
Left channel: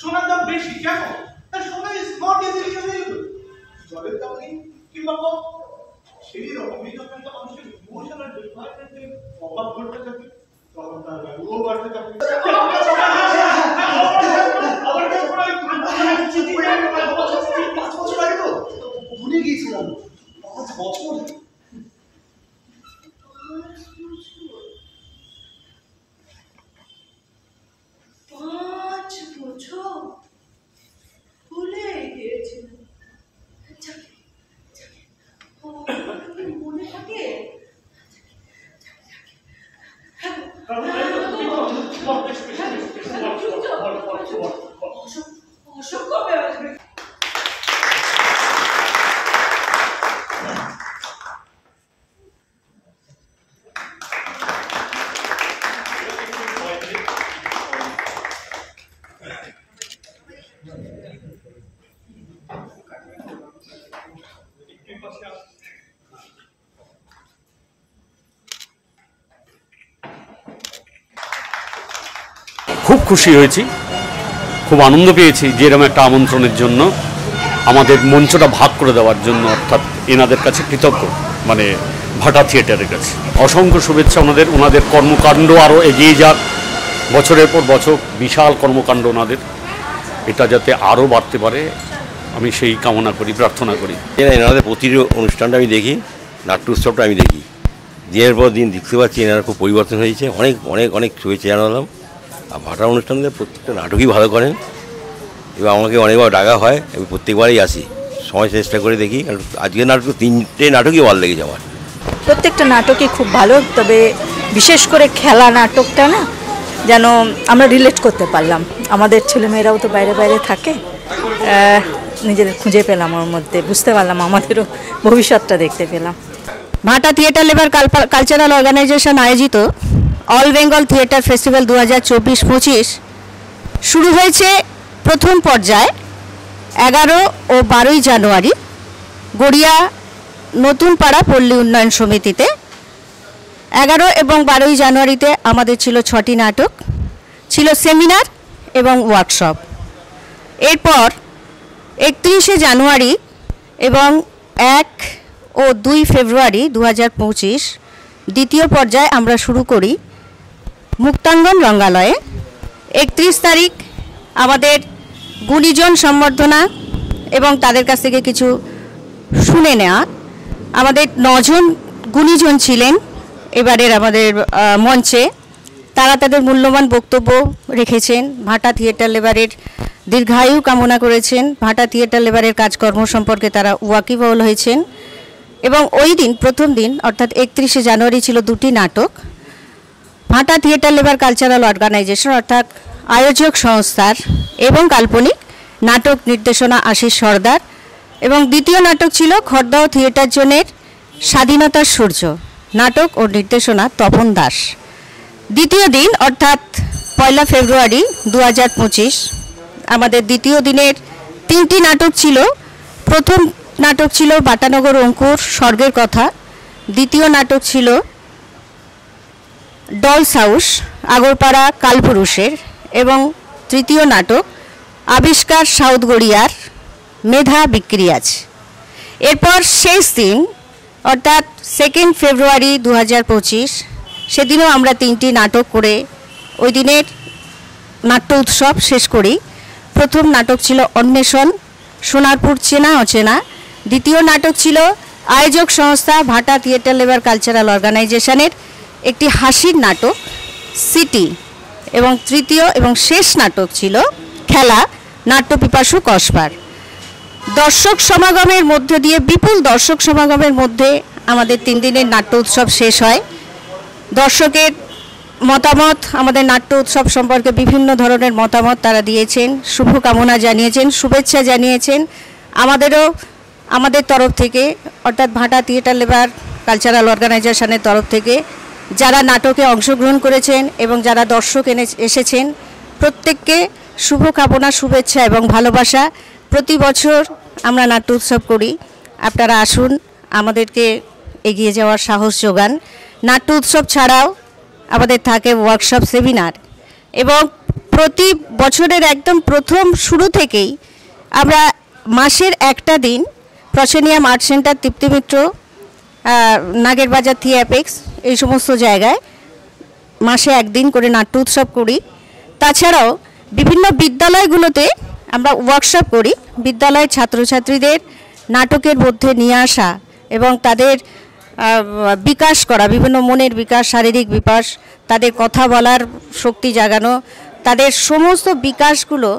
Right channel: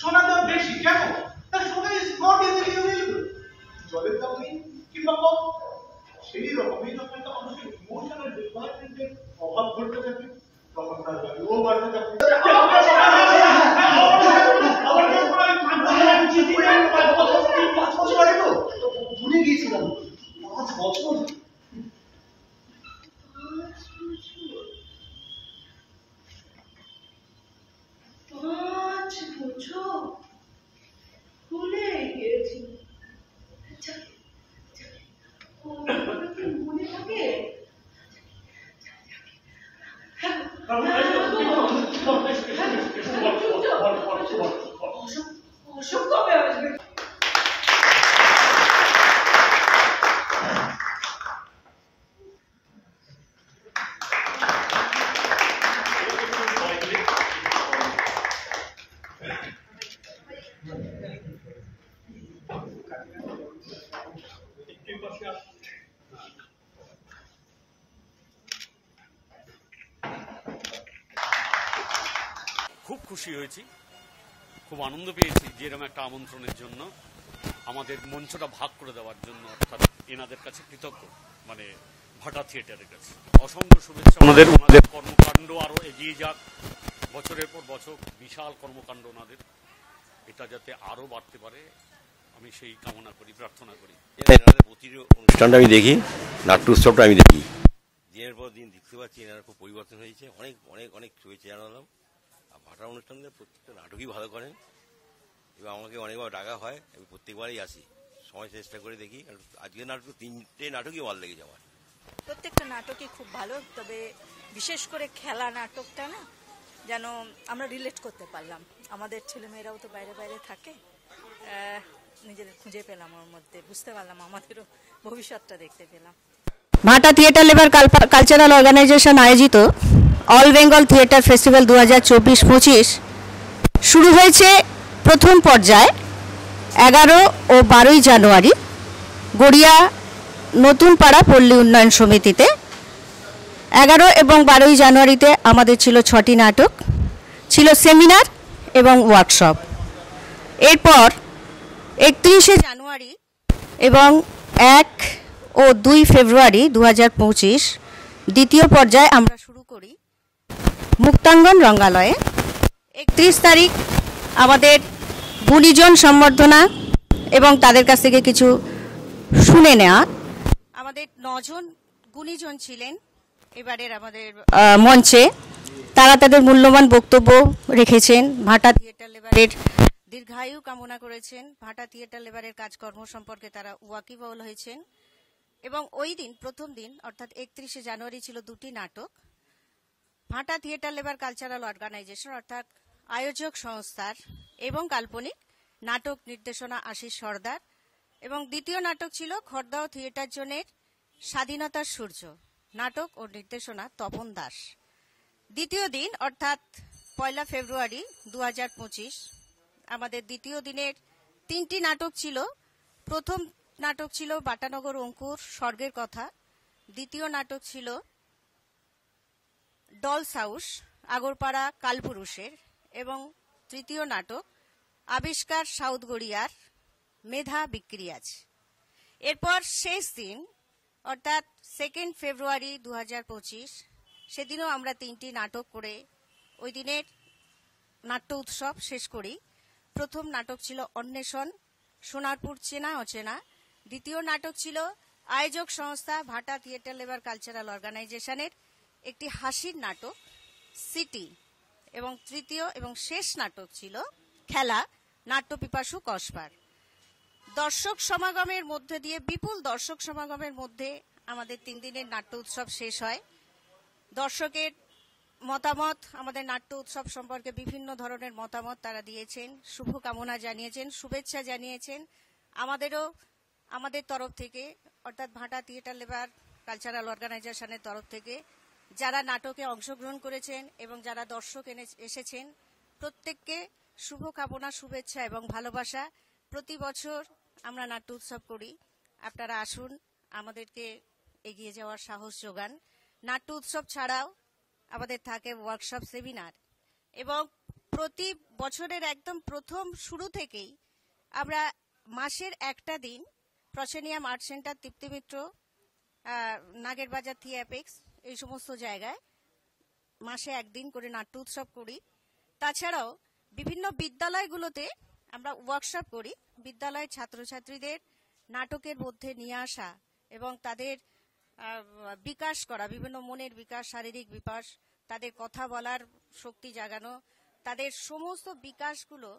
সোনার দাম বেশি কেন? তার সময় is not easily available. জলের দাম নেই কিংবা কম, সেই রকমই যখন একটা মানুষের ইমোশনাল ডিপার্টমেন্টের অভাব ঘটতে থাকে তখন তার ভ্যালুও বাড়তে থাকে। ভুলে গিয়েছিলাম 5 বছর। 5 বছর ভুলে গিয়েছিলাম। মনে থাকে? অসুখ কবে আসবে? খুব খুশি হয়েছি, খুব আনন্দ পেয়েছি যে এরকম একটা আমন্ত্রণের জন্য, আমাদের মঞ্চটা ভাগ করে দেওয়ার জন্য, অর্থাৎ এনাদের কাছে কৃতজ্ঞ, মানে ভাটা থিয়েটারের কাছে অসংখ্য শুভেচ্ছা। ওনাদের কর্মকাণ্ড আরও এগিয়ে যাক, বছরের পর বছর বিশাল কর্মকাণ্ড ওনাদের, এটা যাতে আরও বাড়তে পারে আমি সেই কামনা করি, প্রার্থনা করি। এনাদের প্রতিটি অনুষ্ঠানটা আমি দেখি, নাট্য উৎসবটা আমি দেখি, দিনের পর দিন দেখতে পাচ্ছি এনারা খুব পরিবর্তন হয়েছে। অনেক অনেক অনেক শুভেচ্ছা জানালাম। আর ভাটা অনুষ্ঠানদের প্রত্যেকটা নাটকই ভালো করেন এবং আমাকে অনেকবার ডাকা হয়, আমি প্রত্যেকবারই আসি, সময় চেষ্টা করে দেখি। কারণ আজকের নাটক 3টে নাটকই ভালো লেগেছে আমার। প্রত্যেকটা নাটকই খুব ভালো, তবে বিশেষ করে খেলা নাটকটা না যেন আমরা রিলেট করতে পারলাম। আমাদের ছেলেমেয়েরাও তো বাইরে বাইরে থাকে, নিজেদের খুঁজে পেলাম ওর মধ্যে, বুঝতে পারলাম, আমাদেরও ভবিষ্যৎটা দেখতে পেলাম। ভাটা থিয়েটার লেবার কালচারাল অর্গানাইজেশন আয়োজিত অল বেঙ্গল থিয়েটার ফেস্টিভ্যাল 2024-25 শুরু হয়েছে প্রথম পর্যায়ে 11 ও 12 জানুয়ারি গড়িয়া নতুন পাড়া পল্লী উন্নয়ন সমিতিতে। 11 এবং 12 জানুয়ারিতে আমাদের ছিল 6টি নাটক, ছিল সেমিনার এবং ওয়ার্কশপ। এরপর 31 জানুয়ারি এবং 1 ও 2 ফেব্রুয়ারি 2025 দ্বিতীয় পর্যায়ে আমরা শুরু করি মুক্তাঙ্গন রঙ্গালয়ে। 31 তারিখ আমাদের গুণীজন সম্বর্ধনা এবং তাদের কাছ থেকে কিছু শুনে নেওয়া। আমাদের 9 জন গুণীজন ছিলেন এবারের আমাদের মঞ্চে, তারা তাদের মূল্যবান বক্তব্য রেখেছেন, ভাটা থিয়েটার লেবারের দীর্ঘায়ু কামনা করেছেন, ভাটা থিয়েটার লেবারের কাজকর্ম সম্পর্কে তারা ওয়াকিবহল হয়েছেন। এবং ওই দিন প্রথম দিন অর্থাৎ 31 জানুয়ারি ছিল 2টি নাটক, ভাটা থিয়েটার লেবার কালচারাল অর্গানাইজেশন অর্থাৎ আয়োজক সংস্থার এবং কাল্পনিক নাটক নির্দেশনা আশিস সর্দার, এবং দ্বিতীয় নাটক ছিল খড়দহ থিয়েটার জোনের স্বাধীনতার সূর্য, নাটক ও নির্দেশনা তপন দাস। দ্বিতীয় দিন অর্থাৎ 1 ফেব্রুয়ারি 2025 আমাদের দ্বিতীয় দিনের 3টি নাটক ছিল। প্রথম নাটক ছিল বাটানগর অঙ্কুর স্বর্গের কথা, দ্বিতীয় নাটক ছিল ডলস হাউস আগরপাড়া কালপুরুষের, এবং তৃতীয় নাটক আবিষ্কার সাউথ গড়িয়ার মেধা বিক্রিয়াজ। এরপর শেষ দিন অর্থাৎ 2 ফেব্রুয়ারি 2025 সেদিনও আমরা 3টি নাটক করে ওই দিনের নাট্য উৎসব শেষ করি। প্রথম নাটক ছিল অন্বেষণ, সোনারপুর চেনা অচেনা। দ্বিতীয় নাটক ছিল আয়োজক সংস্থা ভাটা থিয়েটার লেবার কালচারাল অর্গানাইজেশনের একটি হাসির নাটক সিটি, এবং তৃতীয় এবং শেষ নাটক ছিল খেলা, নাট্যপিপাসু কসবার। দর্শক সমাগমের মধ্যে দিয়ে, বিপুল দর্শক সমাগমের মধ্যে আমাদের 3 দিনের নাট্য উৎসব শেষ হয়। দর্শকের মতামত, আমাদের নাট্য উৎসব সম্পর্কে বিভিন্ন ধরনের মতামত তারা দিয়েছেন, শুভকামনা জানিয়েছেন, শুভেচ্ছা জানিয়েছেন। আমাদের তরফ থেকে, অর্থাৎ ভাটা থিয়েটার লেবার কালচারাল অর্গানাইজেশনের তরফ থেকে যারা নাটকে অংশগ্রহণ করেছেন এবং যারা দর্শক এসেছেন, প্রত্যেককে শুভকামনা, শুভেচ্ছা এবং ভালোবাসা। প্রতি বছর আমরা নাট্য উৎসব করি, আপনারা আসুন, আমাদেরকে এগিয়ে যাওয়ার সাহস যোগান। নাট্য উৎসব ছাড়াও আমাদের থাকে ওয়ার্কশপ, সেমিনার, এবং প্রতি বছরের একদম প্রথম শুরু থেকেই আমরা মাসের একটা দিন proscenium art centre, Tripti Mitra, Nagerbazar, থিয়েপেক্স, এই সমস্ত জায়গায় মাসে একদিন করে নাট্য উৎসব করি। তাছাড়াও বিভিন্ন বিদ্যালয়গুলোতে আমরা ওয়ার্কশপ করি, বিদ্যালয়ের ছাত্রছাত্রীদের নাটকের মধ্যে নিয়ে আসা এবং তাদের বিকাশ করা, বিভিন্ন মনের বিকাশ, শারীরিক বিকাশ, তাদের কথা বলার শক্তি জাগানো, তাদের সমস্ত বিকাশগুলো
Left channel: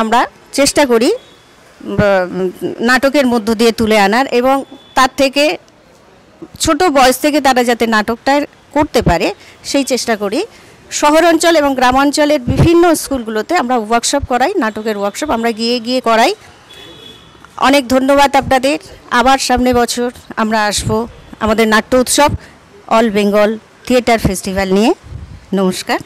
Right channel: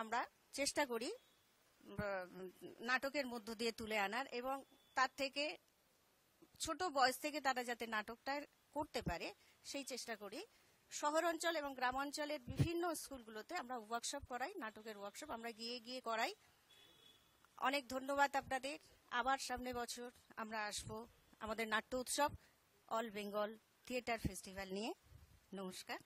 আমরা চেষ্টা করি নাটকের মধ্য দিয়ে তুলে আনার, এবং তার থেকে ছোট বয়স থেকে তারা যাতে নাটকটা করতে পারে সেই চেষ্টা করি। শহরাঞ্চল এবং গ্রামাঞ্চলের বিভিন্ন স্কুলগুলোতে আমরা ওয়ার্কশপ করাই, নাটকের ওয়ার্কশপ আমরা গিয়ে করাই। অনেক ধন্যবাদ আপনাদের। আবার সামনে বছর আমরা আসবো আমাদের নাট্য উৎসব, অল বেঙ্গল থিয়েটার ফেস্টিভ্যাল নিয়ে। নমস্কার।